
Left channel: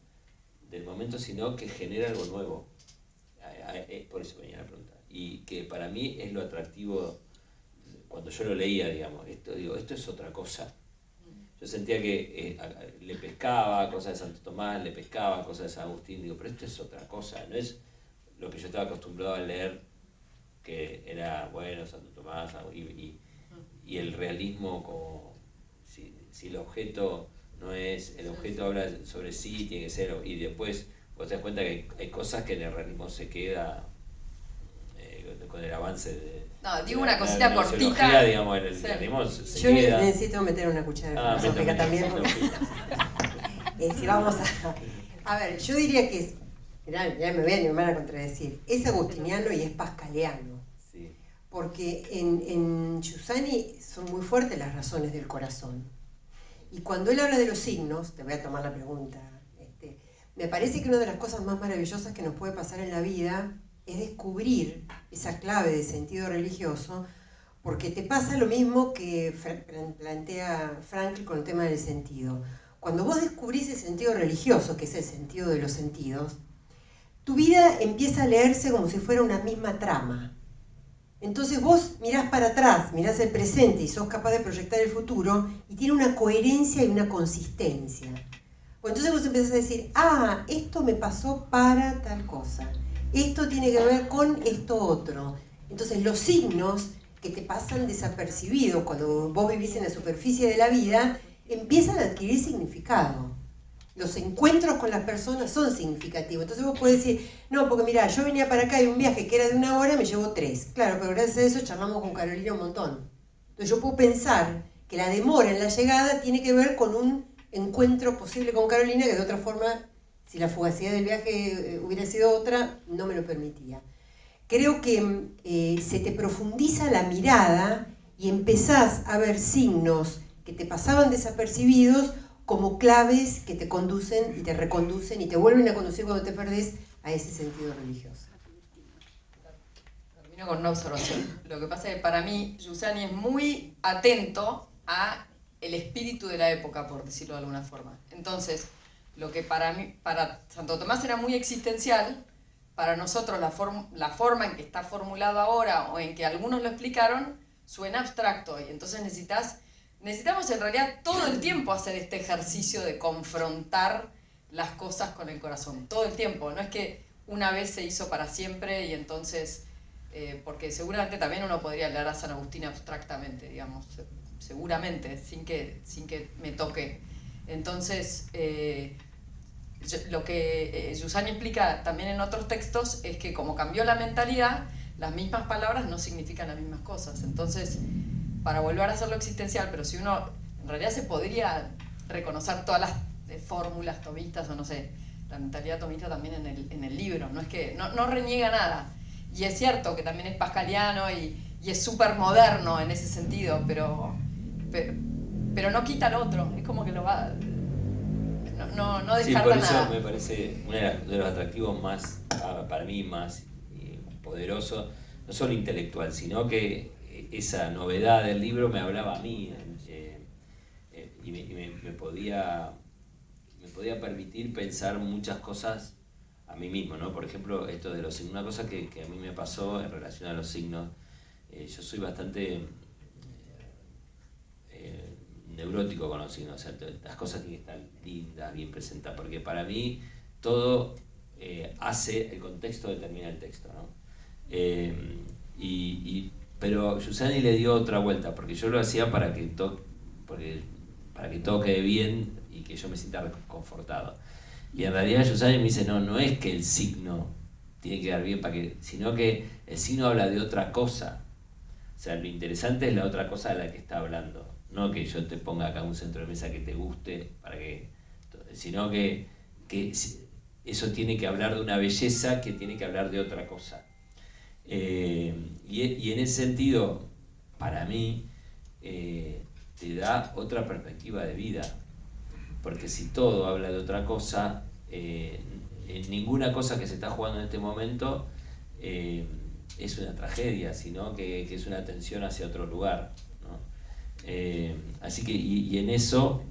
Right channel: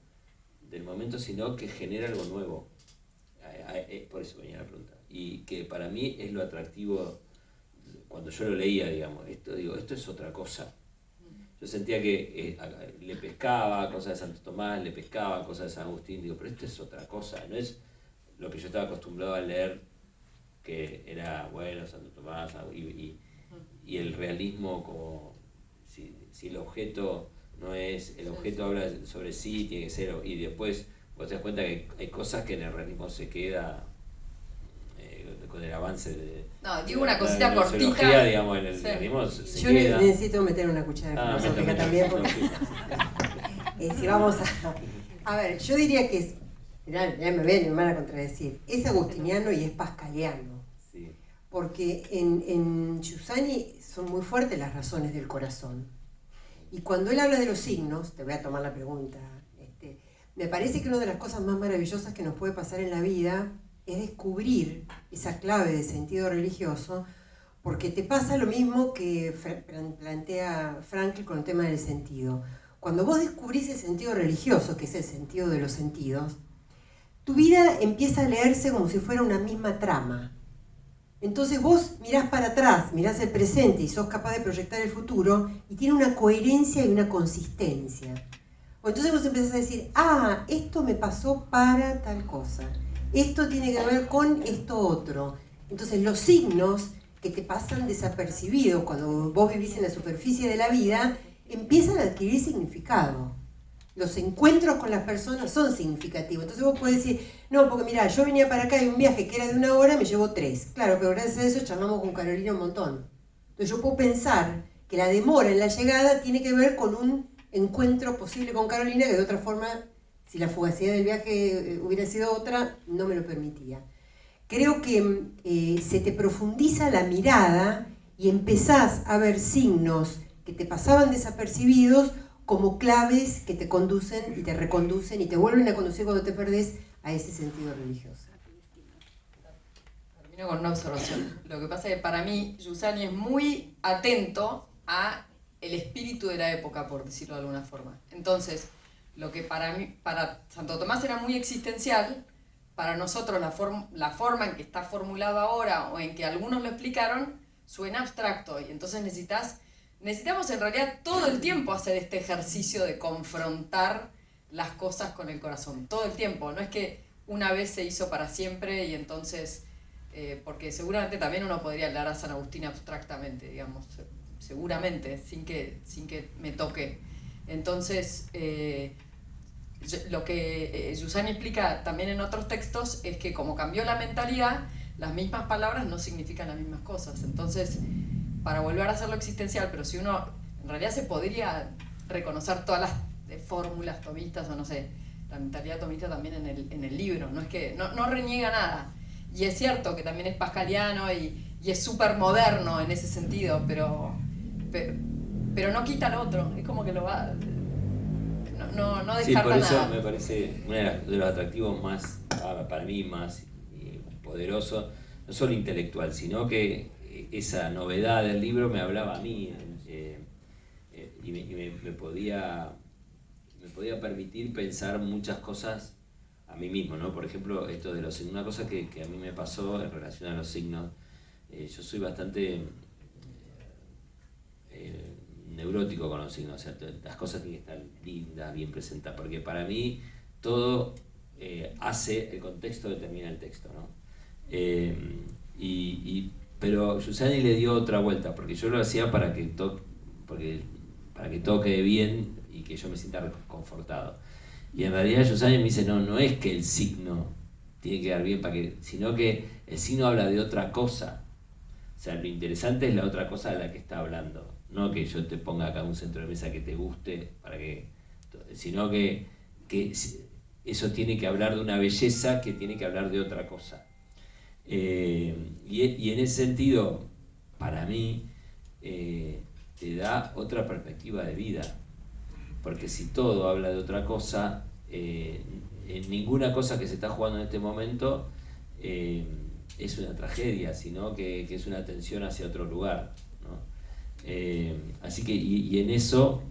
del momento, sino que genera algo nuevo. Por eso venía la pregunta. Y que para mí es lo atractivo, cuando yo lo leía, digamos, esto es otra cosa. Yo sentía que le pescaba cosas de Santo Tomás, le pescaba cosas de San Agustín, digo, pero esto es otra cosa, no es lo que yo estaba acostumbrado a leer, que era, bueno, Santo Tomás, y el realismo como, si el objeto no es, el objeto habla sobre sí, tiene que ser, y después vos te das cuenta que hay cosas que en el realismo se queda con el avance de... No, digo una cosita cortita. Digamos, en el realismo se yo queda. necesito meter una cuchara de filosófica también. Si vamos a ver, yo diría que es, ya me van a contradecir, es agustiniano y es pascaliano. Sí. Porque en Giussani son muy fuertes las razones del corazón. Y cuando él habla de los signos, te voy a tomar la pregunta, me parece que una de las cosas más maravillosas que nos puede pasar en la vida es descubrir esa clave de sentido religioso, porque te pasa lo mismo que plantea Frankl con el tema del sentido. Cuando vos descubrís el sentido religioso, que es el sentido de los sentidos, tu vida empieza a leerse como si fuera una misma trama. Entonces vos mirás para atrás, mirás el presente y sos capaz de proyectar el futuro, y tiene una coherencia y una consistencia. Entonces vos empezás a decir, esto me pasó para tal cosa, esto tiene que ver con esto otro. Entonces los signos que te pasan desapercibidos cuando vos vivís en la superficie de la vida, empiezan a adquirir significado. Los encuentros con las personas son significativos. Entonces vos podés decir, no, porque mirá, yo venía para acá y un viaje que era de 1 hora me llevó 3. Claro, pero gracias a eso charlamos con Carolina un montón. Entonces yo puedo pensar que la demora en la llegada tiene que ver con un encuentro posible con Carolina que de otra forma, si la fugacidad del viaje hubiera sido otra, no me lo permitía. Creo que se te profundiza la mirada y empezás a ver signos que te pasaban desapercibidos como claves que te conducen y te reconducen y te vuelven a conducir cuando te perdés a ese sentido religioso. Termino con una observación. Lo que pasa es que para mí Giussani es muy atento a el espíritu de la época, por decirlo de alguna forma. Entonces, lo que para Santo Tomás era muy existencial, para nosotros la forma en que está formulado ahora o en que algunos lo explicaron suena abstracto, y entonces necesitamos en realidad todo el tiempo hacer este ejercicio de confrontar las cosas con el corazón, todo el tiempo. No es que una vez se hizo para siempre y entonces, porque seguramente también uno podría leer a San Agustín abstractamente, digamos, seguramente, sin que me toque. Entonces, lo que Giussani explica también en otros textos es que como cambió la mentalidad, las mismas palabras no significan las mismas cosas. Entonces, para volver a hacerlo existencial, pero si uno, en realidad se podría reconocer todas las fórmulas tomistas, o no sé, la mentalidad tomista también en el libro, no es que, no reniega nada. Y es cierto que también es pascaliano y es súper moderno en ese sentido, pero no quita al otro, es como que lo va... No descarta nada. Sí, por eso me parece uno de los atractivos más, para mí, más poderoso, no solo intelectual, sino que esa novedad del libro me hablaba a mí, y me podía permitir pensar muchas cosas a mí mismo, ¿no? Por ejemplo, esto de los signos, una cosa que a mí me pasó en relación a los signos, yo soy bastante neurótico con los signos, o sea, las cosas tienen que estar lindas, bien presentadas, porque para mí todo hace, el contexto determina el texto, ¿no? Pero Giussani le dio otra vuelta, porque yo lo hacía para que todo quede bien y que yo me sienta reconfortado. Y en realidad Giussani me dice, no es que el signo tiene que quedar bien, sino que el signo habla de otra cosa. O sea, lo interesante es la otra cosa de la que está hablando. No que yo te ponga acá un centro de mesa que te guste, sino que eso tiene que hablar de una belleza que tiene que hablar de otra cosa. Y en ese sentido, para mí, te da otra perspectiva de vida. Porque si todo habla de otra cosa, en ninguna cosa que se está jugando en este momento es una tragedia, sino que es una tensión hacia otro lugar, ¿no? Así que, y en eso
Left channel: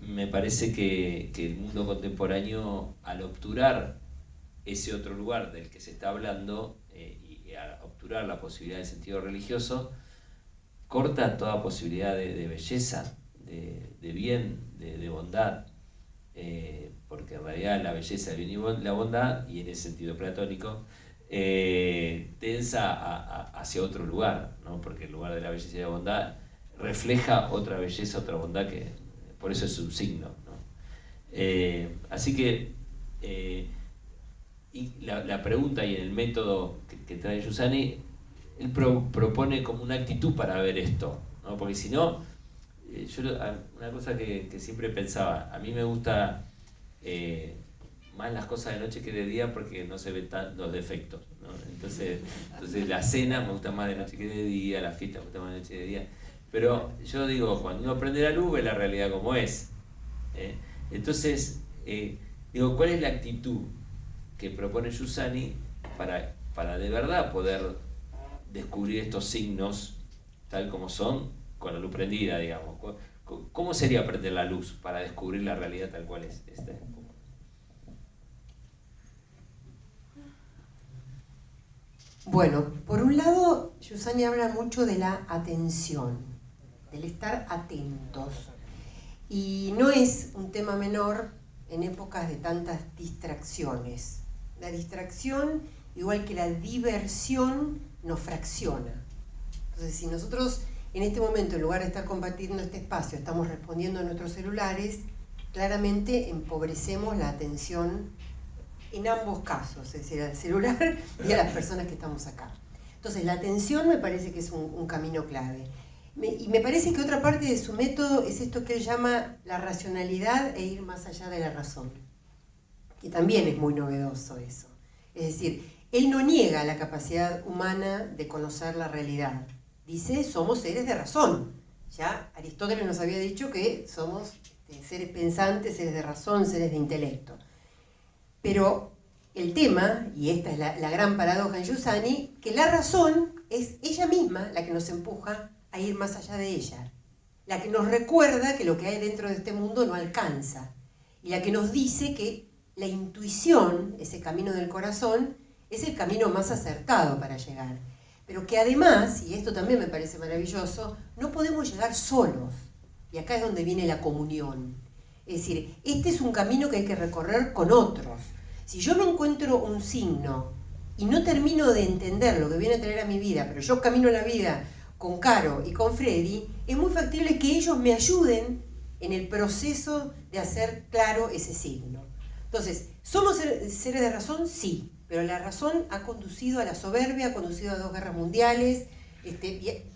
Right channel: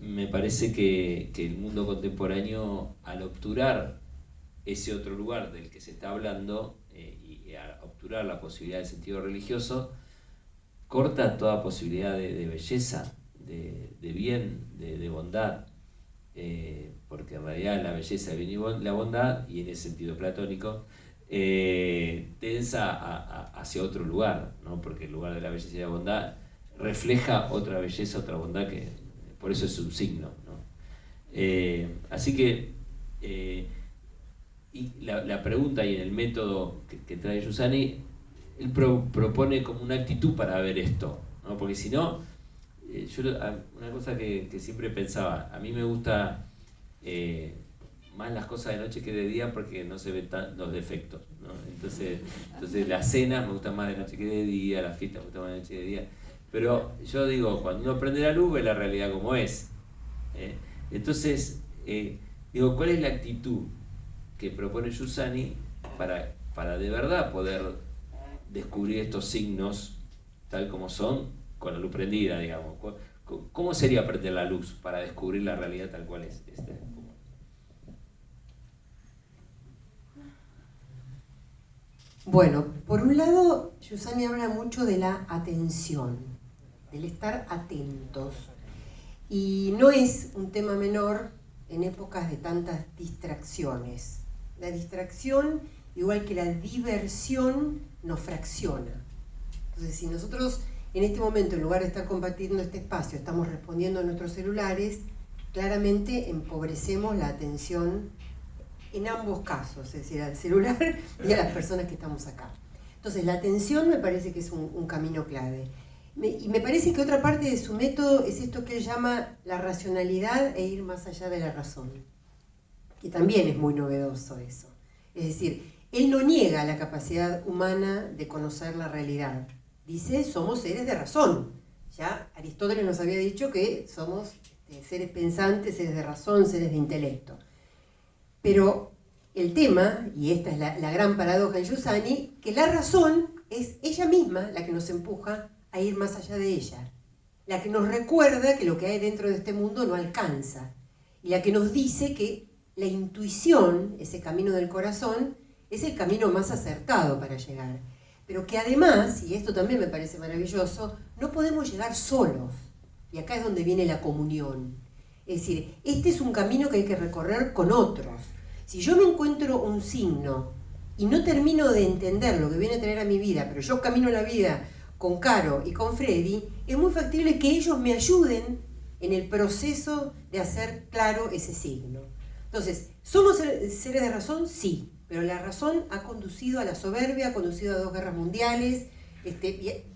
me parece que el mundo contemporáneo, al obturar ese otro lugar del que se está hablando, y al obturar la posibilidad de sentido religioso, corta toda posibilidad de belleza, de bien, de bondad, porque en realidad la belleza, el bien y la bondad, y en ese sentido platónico, tensa hacia otro lugar, ¿no? Porque el lugar de la belleza y la bondad refleja otra belleza, otra bondad, que por eso es un signo, ¿no? Así que y la pregunta y en el método que trae Giussani, él propone como una actitud para ver esto, ¿no? Porque si no, una cosa que siempre pensaba, a mí me gusta más las cosas de noche que de día porque no se ven los defectos, ¿no? Entonces la cena me gusta más de noche que de día, la fiesta me gusta más de noche que de día, pero yo digo, cuando uno prende la luz ve la realidad como es, entonces digo, ¿cuál es la actitud que propone Giussani para de verdad poder descubrir estos signos tal como son con la luz prendida, digamos? ¿Cómo sería prender la luz para descubrir la realidad tal cual es? Bueno, por un lado, Giussani habla mucho de la atención, del estar atentos. Y no es un tema menor en épocas de tantas distracciones. La distracción, igual que la diversión, nos fracciona. Entonces, si nosotros en este momento, en lugar de estar compartiendo este espacio, estamos respondiendo a nuestros celulares, claramente empobrecemos la atención en ambos casos, es decir, al celular y a las personas que estamos acá. Entonces, la atención me parece que es un camino clave. Y me parece que otra parte de su método es esto que él llama la racionalidad e ir más allá de la razón, que también es muy novedoso eso. Es decir, él no niega la capacidad humana de conocer la realidad. Dice, somos seres de razón. Ya Aristóteles nos había dicho que somos seres pensantes, seres de razón, seres de intelecto. Pero el tema, y esta es la gran paradoja en Giussani, que la razón es ella misma la que nos empuja a ir más allá de ella, la que nos recuerda que lo que hay dentro de este mundo no alcanza, y la que nos dice que la intuición, ese camino del corazón, es el camino más acertado para llegar. Pero que además, y esto también me parece maravilloso, no podemos llegar solos, y acá es donde viene la comunión. Es decir, este es un camino que hay que recorrer con otros. Si yo me encuentro un signo y no termino de entender lo que viene a traer a mi vida, pero yo camino la vida con Caro y con Freddy, es muy factible que ellos me ayuden en el proceso de hacer claro ese signo. Entonces, ¿somos seres de razón? Sí, pero la razón ha conducido a la soberbia, ha conducido a 2 guerras mundiales,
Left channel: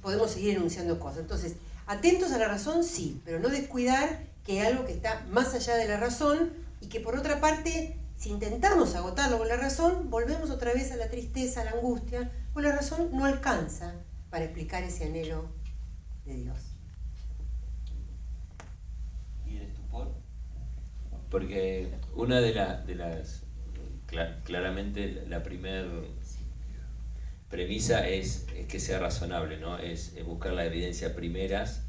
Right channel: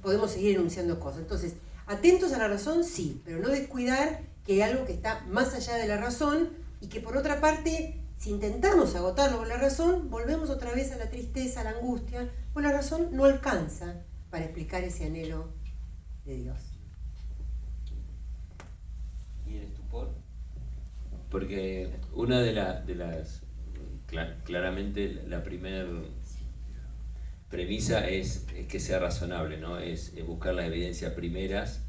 podemos seguir enunciando cosas. Entonces, atentos a la razón, sí, pero no descuidar que hay algo que está más allá de la razón y que por otra parte, si intentamos agotarlo con la razón, volvemos otra vez a la tristeza, a la angustia, pues la razón no alcanza para explicar ese anhelo de Dios. ¿Y el estupor? Porque una de las claramente la primera premisa es que sea razonable, ¿no? Es buscar la evidencia primeras,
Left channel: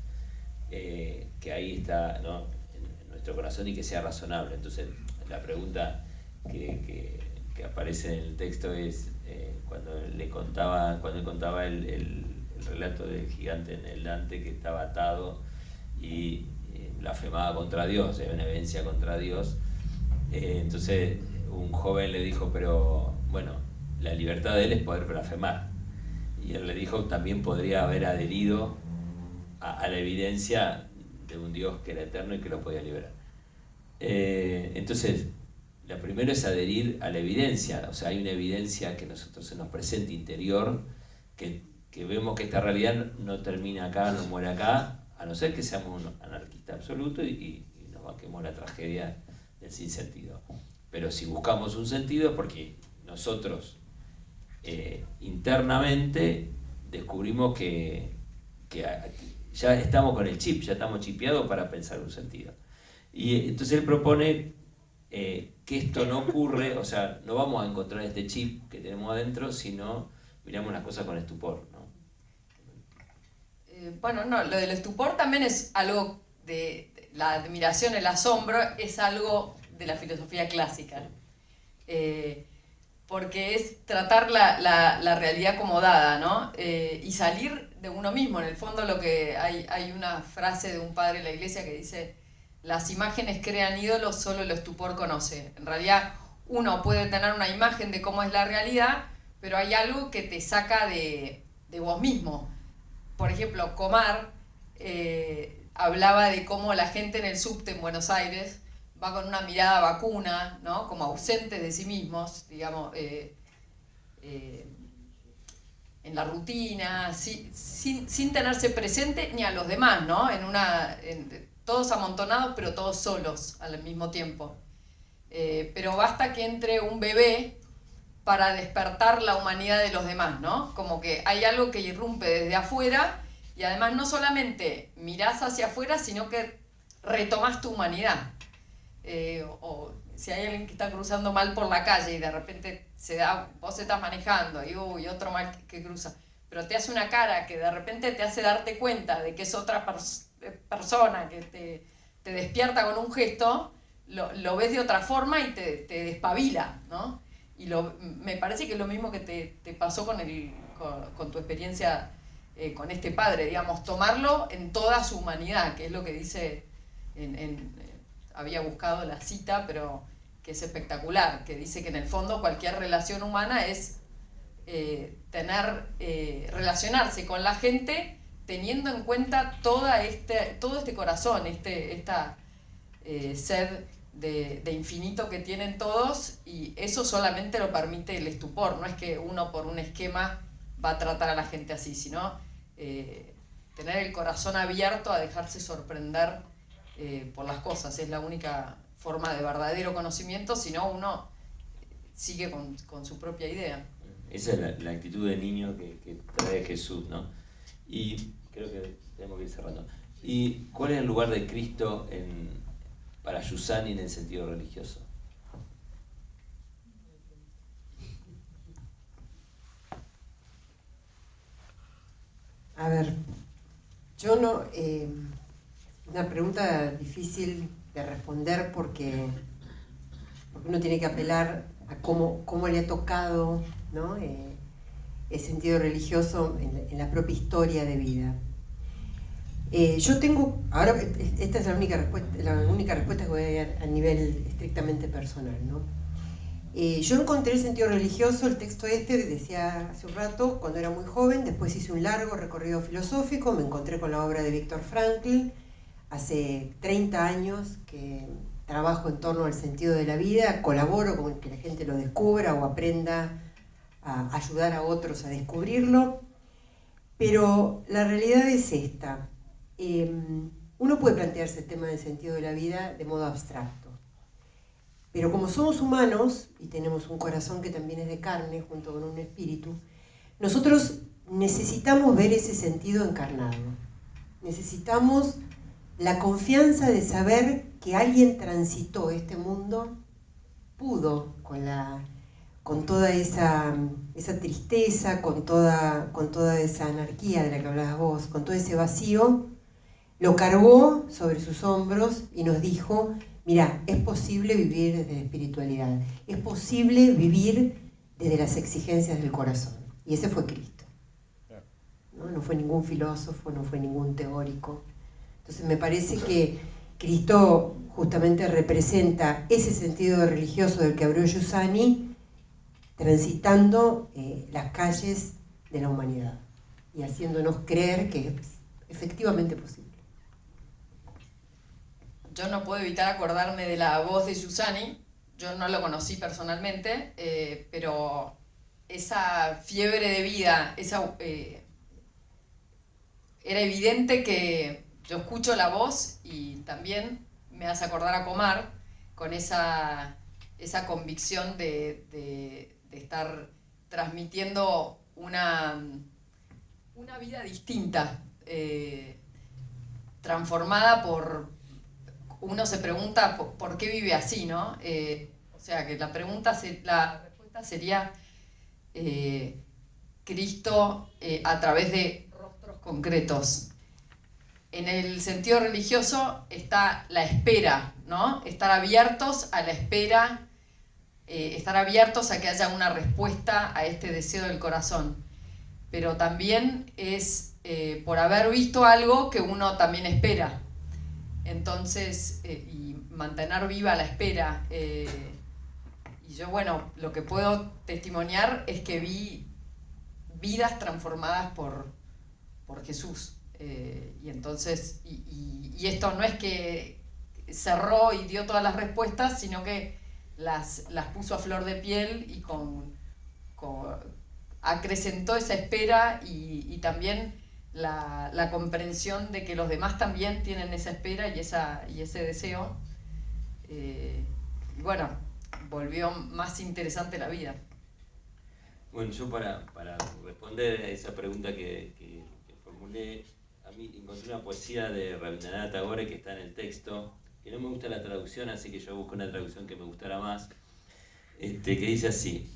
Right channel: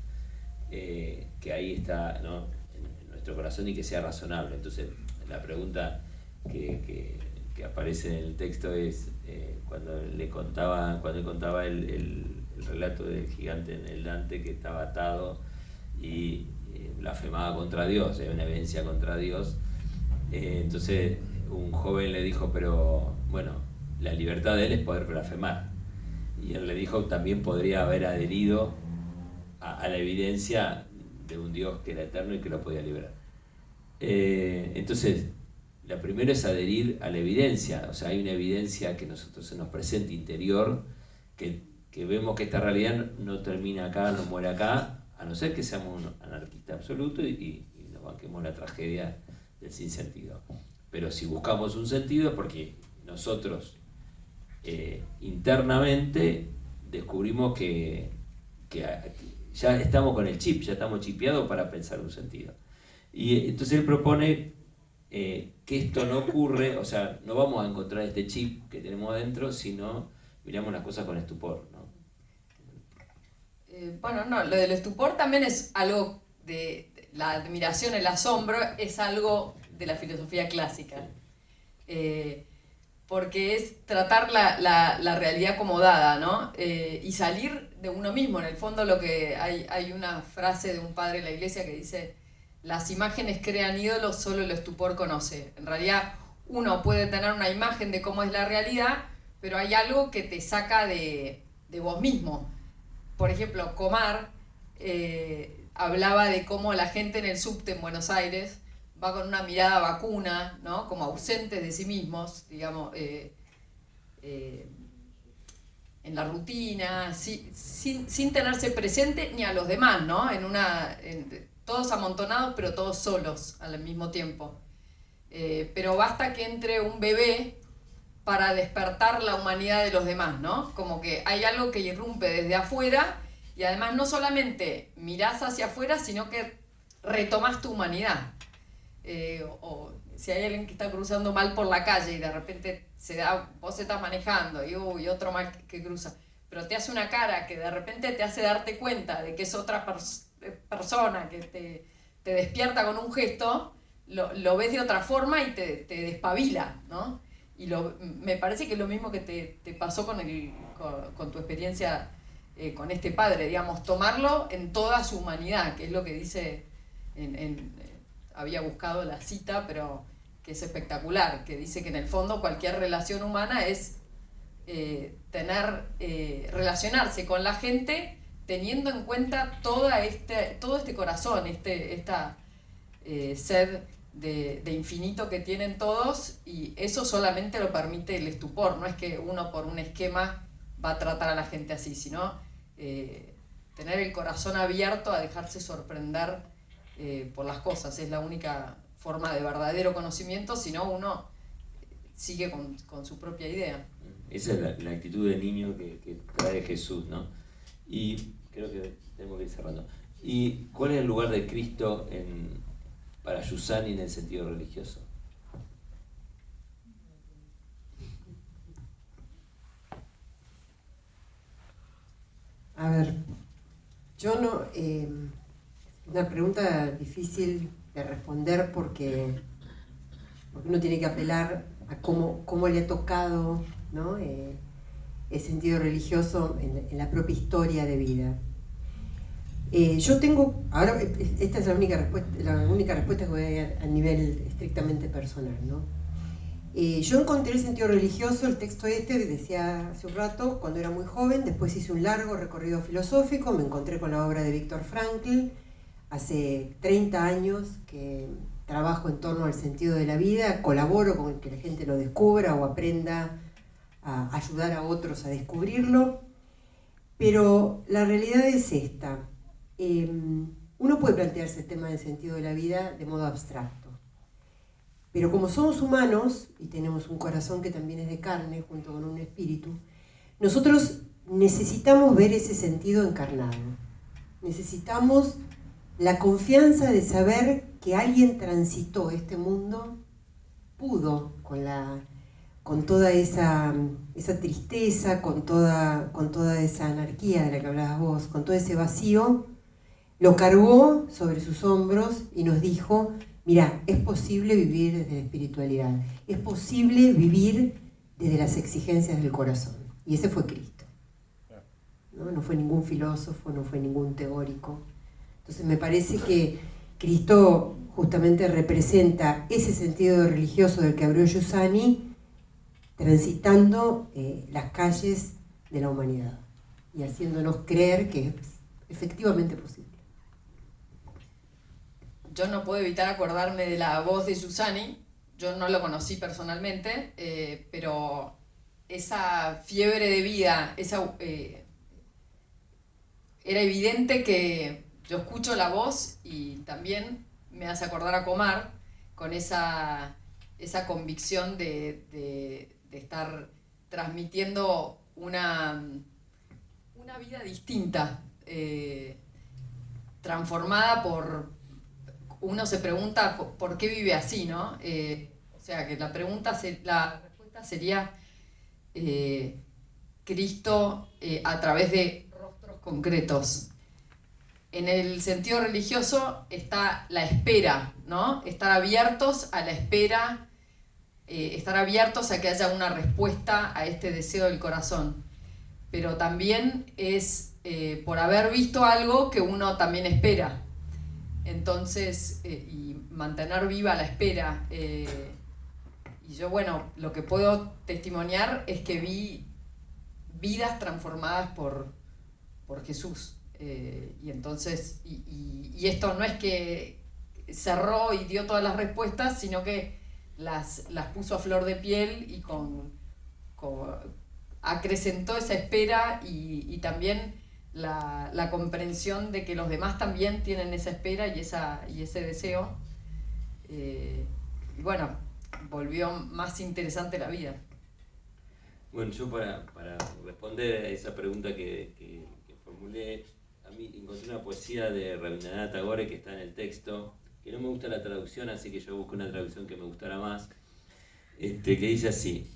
que ahí está, ¿no? en nuestro corazón, y que sea razonable. Entonces, la pregunta que aparece en el texto es cuando él contaba el relato del gigante en el Dante, que estaba atado y blasfemaba contra Dios, hay una evidencia contra Dios. Entonces un joven le dijo, pero bueno, la libertad de él es poder blasfemar. Y él le dijo, también podría haber adherido a la evidencia de un Dios que era eterno y que lo podía liberar. Entonces, la primera es adherir a la evidencia. O sea, hay una evidencia que nosotros se nos presenta interior, que vemos que esta realidad no termina acá, no muere acá, a no ser que seamos un anarquista absoluto y nos banquemos la tragedia del sinsentido. Pero si buscamos un sentido es porque nosotros internamente descubrimos que ya estamos con el chip, ya estamos chipeados para pensar un sentido. Y entonces él propone que esto no ocurre, o sea, no vamos a encontrar este chip que tenemos adentro, sino miramos las cosas con estupor, ¿no? Bueno, no, lo del estupor también es algo de la admiración, el asombro, es algo de la filosofía clásica. Porque es tratar la realidad como dada, ¿no? Y salir de uno mismo. En el fondo hay una frase de un padre de la iglesia que dice: las imágenes crean ídolos, solo el estupor conoce. En realidad uno puede tener una imagen de cómo es la realidad, pero hay algo que te saca de vos mismo. Por ejemplo, Comar hablaba de cómo la gente en el subte en Buenos Aires va con una mirada vacuna, ¿no? Como ausentes de sí mismos, digamos, en la rutina, sin tenerse presente ni a los demás, ¿no? Todos amontonados, pero todos solos al mismo tiempo. Pero basta que entre un bebé para despertar la humanidad de los demás, ¿no? Como que hay algo que irrumpe desde afuera, y además no solamente mirás hacia afuera, sino que retomás tu humanidad. O si hay alguien que está cruzando mal por la calle y de repente vos estás manejando y otro mal que cruza, pero te hace una cara que de repente te hace darte cuenta de que es otra persona que te despierta con un gesto, lo ves de otra forma y te despabila, ¿no? Y me parece que es lo mismo que te pasó con tu experiencia con este padre, digamos, tomarlo en toda su humanidad, que es lo que dice había buscado la cita, pero que es espectacular, que dice que en el fondo cualquier relación humana es relacionarse con la gente teniendo en cuenta todo este corazón, esta sed de infinito que tienen todos, y eso solamente lo permite el estupor. No es que uno por un esquema va a tratar a la gente así, sino tener el corazón abierto a dejarse sorprender por las cosas. Es la única forma de verdadero conocimiento, si no uno sigue con su propia idea. Esa es la actitud de niño que trae Jesús, ¿no? Y creo que tenemos que ir cerrando. ¿Y cuál es el lugar de Cristo para Giussani en el sentido religioso? A ver, yo no... una pregunta difícil de responder porque uno tiene que apelar a cómo le ha tocado, ¿no? El sentido religioso en la propia historia de vida. Yo tengo, ahora esta es la única respuesta que voy a dar a nivel estrictamente personal, ¿no? Yo encontré el sentido religioso, el texto que decía hace un rato, cuando era muy joven. Después hice un largo recorrido filosófico, me encontré con la obra de Viktor Frankl. Hace 30 años que trabajo en torno al sentido de la vida, colaboro con que la gente lo descubra o aprenda a ayudar a otros a descubrirlo. Pero la realidad es esta. Uno puede plantearse el tema del sentido de la vida de modo abstracto. Pero como somos humanos y tenemos un corazón que también es de carne junto con un espíritu, nosotros necesitamos ver ese sentido encarnado. Necesitamos la confianza de saber que alguien transitó este mundo, pudo con toda esa esa tristeza, con toda esa anarquía de la que hablabas vos, con todo ese vacío, lo cargó sobre sus hombros y nos dijo, mirá, es posible vivir desde la espiritualidad, es posible vivir desde las exigencias del corazón. Y ese fue Cristo. No fue ningún filósofo, no fue ningún teórico. Entonces me parece que Cristo justamente representa ese sentido religioso del que habló Giussani, transitando las calles de la humanidad y haciéndonos creer que es efectivamente posible. Yo no puedo evitar acordarme de la voz de Giussani. Yo no lo conocí personalmente, pero esa fiebre de vida, era evidente que yo escucho la voz y también me hace acordar a Comar con esa convicción de estar transmitiendo una vida distinta, transformada por... Uno se pregunta por qué vive así, ¿no? O sea, que la respuesta sería Cristo a través de rostros concretos. En el sentido religioso está la espera, ¿no? Estar abiertos a la espera, estar abiertos a que haya una respuesta a este deseo del corazón. Pero también es por haber visto algo que uno también espera. Entonces, y mantener viva la espera. Y yo, bueno, lo que puedo testimoniar es que vi vidas transformadas por Jesús. Y entonces, y esto no es que cerró y dio todas las respuestas, sino que las puso a flor de piel y acrecentó esa espera y también la comprensión de que los demás también tienen esa espera y ese deseo. Y bueno, volvió más interesante la vida. Bueno, yo para responder a esa pregunta que formulé, a mí encontré una poesía de Rabindranath Tagore que está en el texto, que no me gusta la traducción, así que yo busco una traducción que me gustara más, que dice así:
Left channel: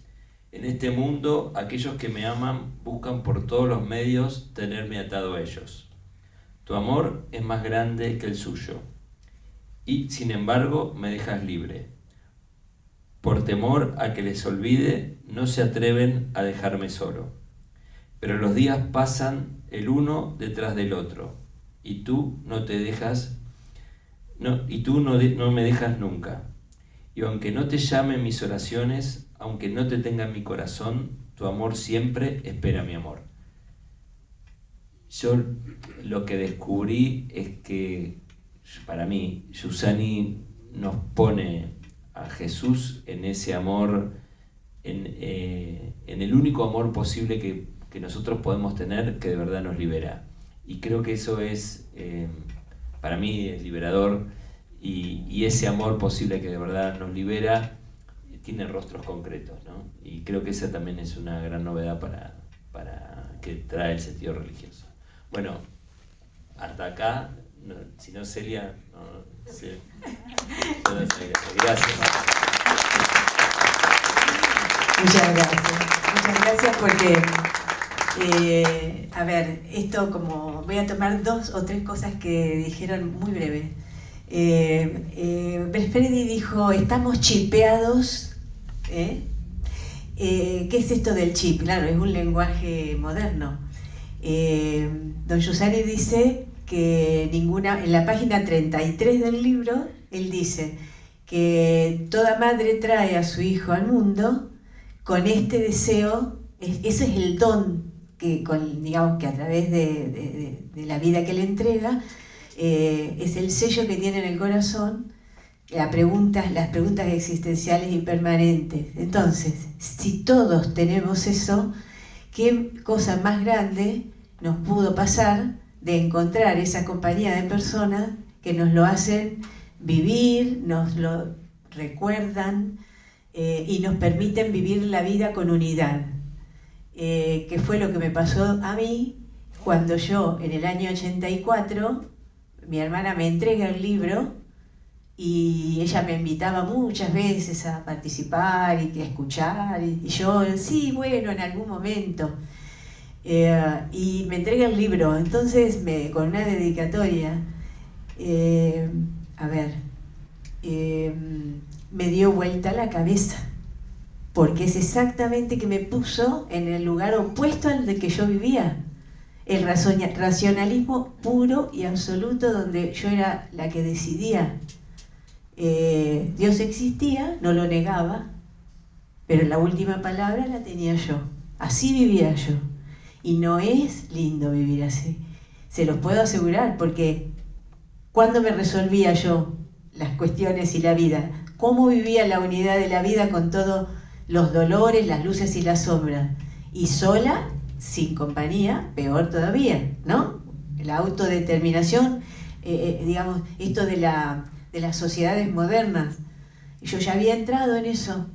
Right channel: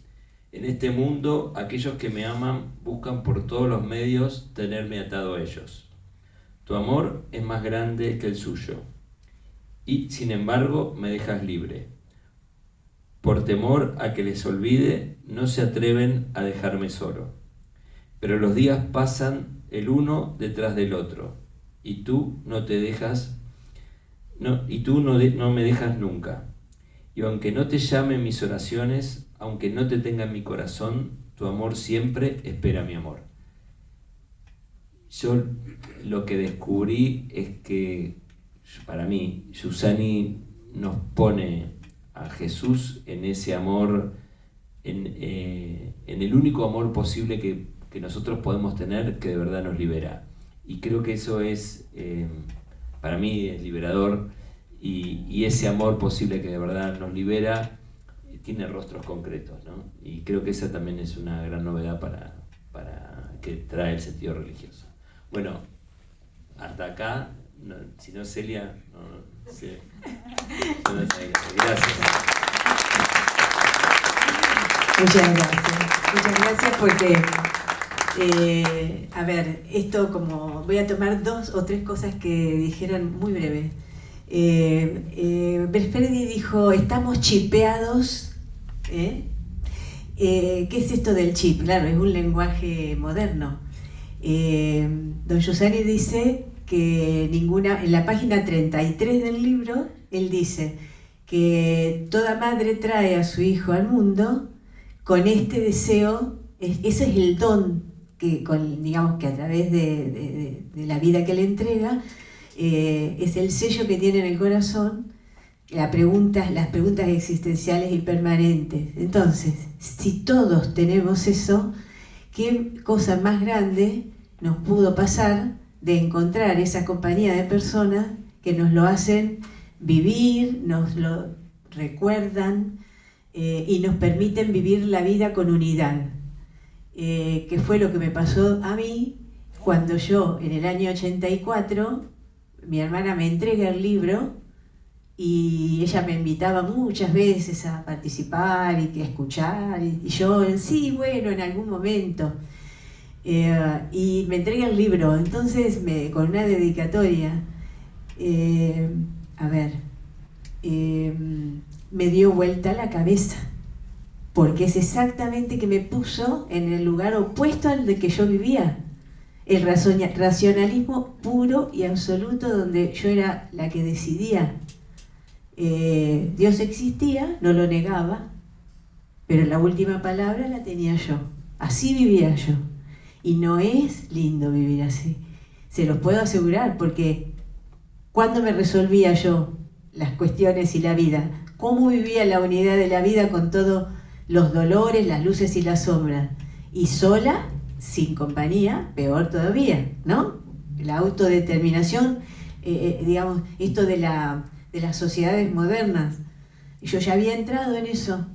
en este mundo, aquellos que me aman buscan por todos los medios tenerme atado a ellos. Tu amor es más grande que el suyo, y sin embargo me dejas libre. Por temor a que les olvide, no se atreven a dejarme solo. Pero los días pasan el uno detrás del otro, y tú no me dejas nunca. Y aunque no te llame en mis oraciones, aunque no te tenga en mi corazón, tu amor siempre espera mi amor. Yo lo que descubrí es que, para mí, Giussani nos pone a Jesús en ese amor, en el único amor posible que nosotros podemos tener, que de verdad nos libera. Y creo que eso es, para mí, es liberador, y ese amor posible que de verdad nos libera tiene rostros concretos, ¿no? Y creo que esa también es una gran novedad para que trae el sentido religioso. Bueno, hasta acá, si no, Celia, no sé. Yo no sé qué hacer. Gracias. Muchas gracias porque, a ver, esto como voy a tomar 2 o 3 cosas que dijeron muy breves. Belfredi dijo, estamos chipeados. ¿Qué es esto del chip? Claro, es un lenguaje moderno. Don Giussani dice que en la página 33 del libro, él dice que toda madre trae a su hijo al mundo con este deseo, ese es el don digamos que a través de la vida que le entrega, es el sello que tiene en el corazón, las preguntas existenciales y permanentes. Entonces, si todos tenemos eso, ¿qué cosa más grande nos pudo pasar de encontrar esa compañía de personas que nos lo hacen vivir, nos lo recuerdan y nos permiten vivir la vida con unidad? Que fue lo que me pasó a mí cuando yo, en el año 84, mi hermana me entrega el libro y ella me invitaba muchas veces a participar y a escuchar, y yo, sí, bueno, en algún momento. Y me entrega el libro, entonces con una dedicatoria, a ver, me dio vuelta la cabeza, porque es exactamente que me puso en el lugar opuesto al de que yo vivía. El racionalismo puro y absoluto, donde yo era la que decidía. Dios existía, no lo negaba, pero la última palabra la tenía yo. Así vivía yo. Y no es lindo vivir así. Se los puedo asegurar, porque cuando me resolvía yo las cuestiones y la vida, cómo vivía la unidad de la vida con todos los dolores, las luces y las sombras, y sola, sin compañía, peor todavía, ¿no? La autodeterminación, digamos, esto de las sociedades modernas. Yo ya había entrado en eso.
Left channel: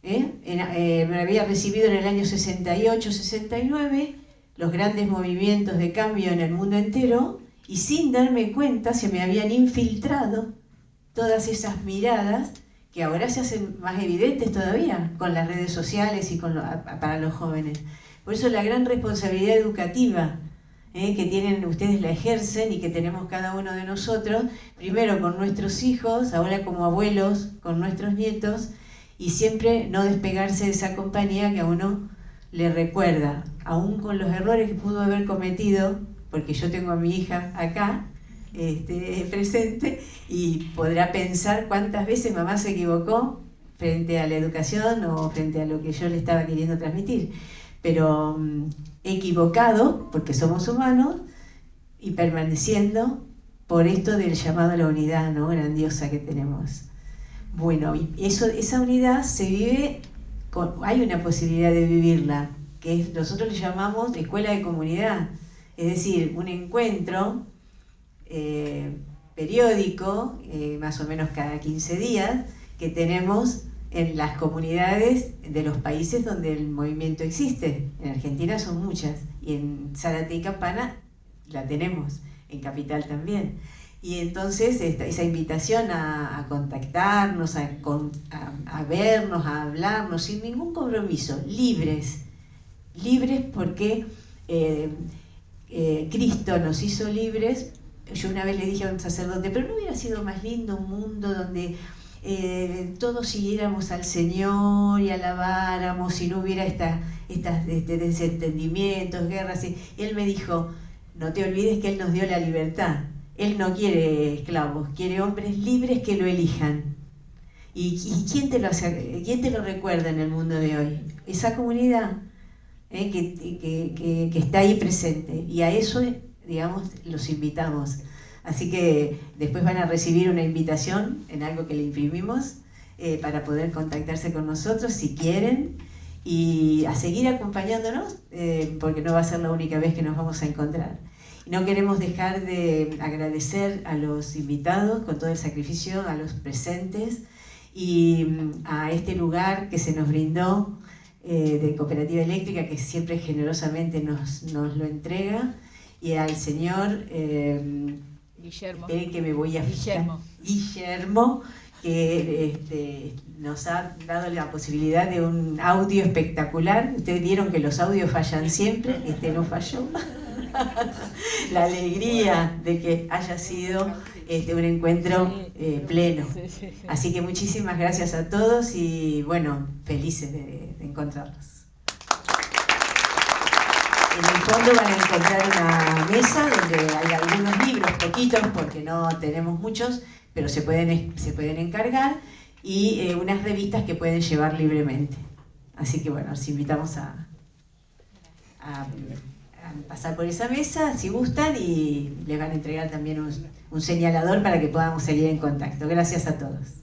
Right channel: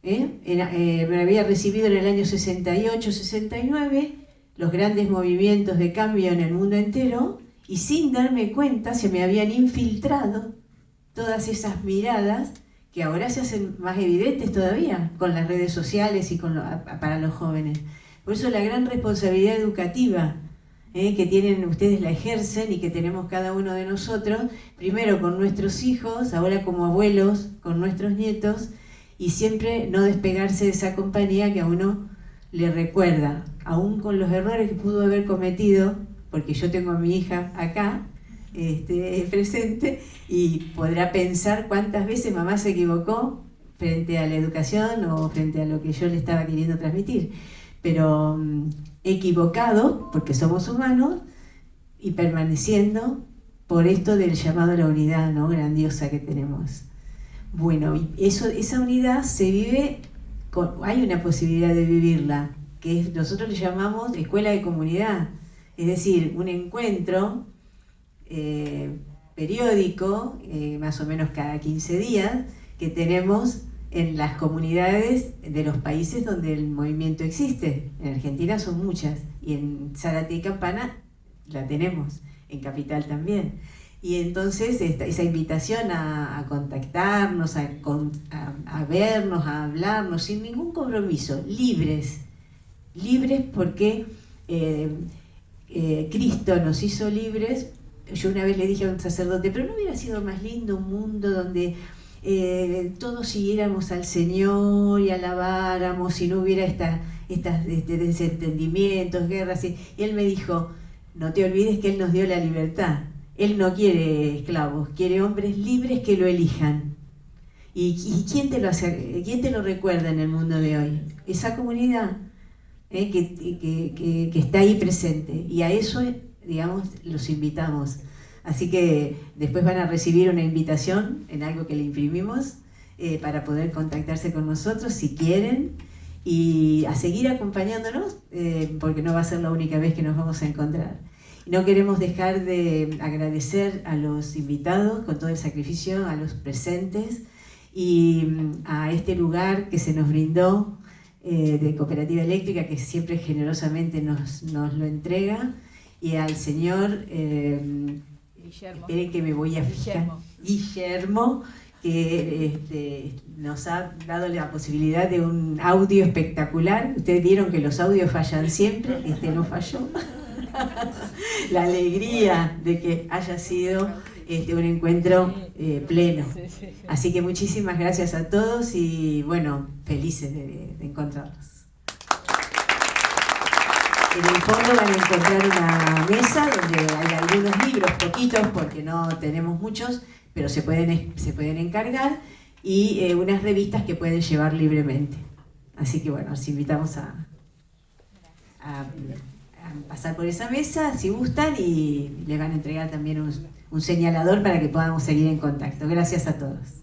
Me había recibido en el año 68, 69, los grandes movimientos de cambio en el mundo entero, y sin darme cuenta se me habían infiltrado todas esas miradas que ahora se hacen más evidentes todavía con las redes sociales y para los jóvenes. Por eso la gran responsabilidad educativa que tienen ustedes, la ejercen, y que tenemos cada uno de nosotros, primero con nuestros hijos, ahora como abuelos, con nuestros nietos, y siempre no despegarse de esa compañía que a uno le recuerda, aún con los errores que pudo haber cometido, porque yo tengo a mi hija acá, presente, y podrá pensar cuántas veces mamá se equivocó frente a la educación o frente a lo que yo le estaba queriendo transmitir. Pero equivocado, porque somos humanos, y permaneciendo por esto del llamado a la unidad, ¿no?, grandiosa que tenemos. Bueno, esa unidad se vive, hay una posibilidad de vivirla, que nosotros le llamamos escuela de comunidad, es decir, un encuentro periódico, más o menos cada 15 días, que tenemos en las comunidades de los países donde el movimiento existe. En Argentina son muchas, y en Zárate y Campana la tenemos, en Capital también. Y entonces esa invitación a contactarnos, a vernos, a hablarnos, sin ningún compromiso, libres porque Cristo nos hizo libres. Yo una vez le dije a un sacerdote, pero ¿no hubiera sido más lindo un mundo donde todos siguiéramos al Señor y alabáramos, y no hubiera estas desentendimientos, guerras? Y él me dijo, no te olvides que Él nos dio la libertad. Él no quiere esclavos, quiere hombres libres que lo elijan. ¿Y quién te lo recuerda en el mundo de hoy? Esa comunidad que está ahí presente. Y a eso, digamos, los invitamos. Así que después van a recibir una invitación en algo que le imprimimos para poder contactarse con nosotros si quieren, y a seguir acompañándonos, porque no va a ser la única vez que nos vamos a encontrar. No queremos dejar de agradecer a los invitados con todo el sacrificio, a los presentes, y a este lugar que se nos brindó de Cooperativa Eléctrica, que siempre generosamente nos lo entrega, y al señor Guillermo. Esperen que me voy a fijar. Guillermo, que nos ha dado la posibilidad de un audio espectacular. Ustedes vieron que los audios fallan siempre, no falló. La alegría de que haya sido un encuentro pleno. Así que muchísimas gracias a todos, y bueno, felices de encontrarlos. En el fondo van a encontrar una mesa donde hay algunos libros, poquitos porque no tenemos muchos, pero se pueden encargar, y unas revistas que pueden llevar libremente. Así que bueno, los invitamos a pasar por esa mesa si gustan, y les van a entregar también un señalador para que podamos seguir en contacto. Gracias a todos.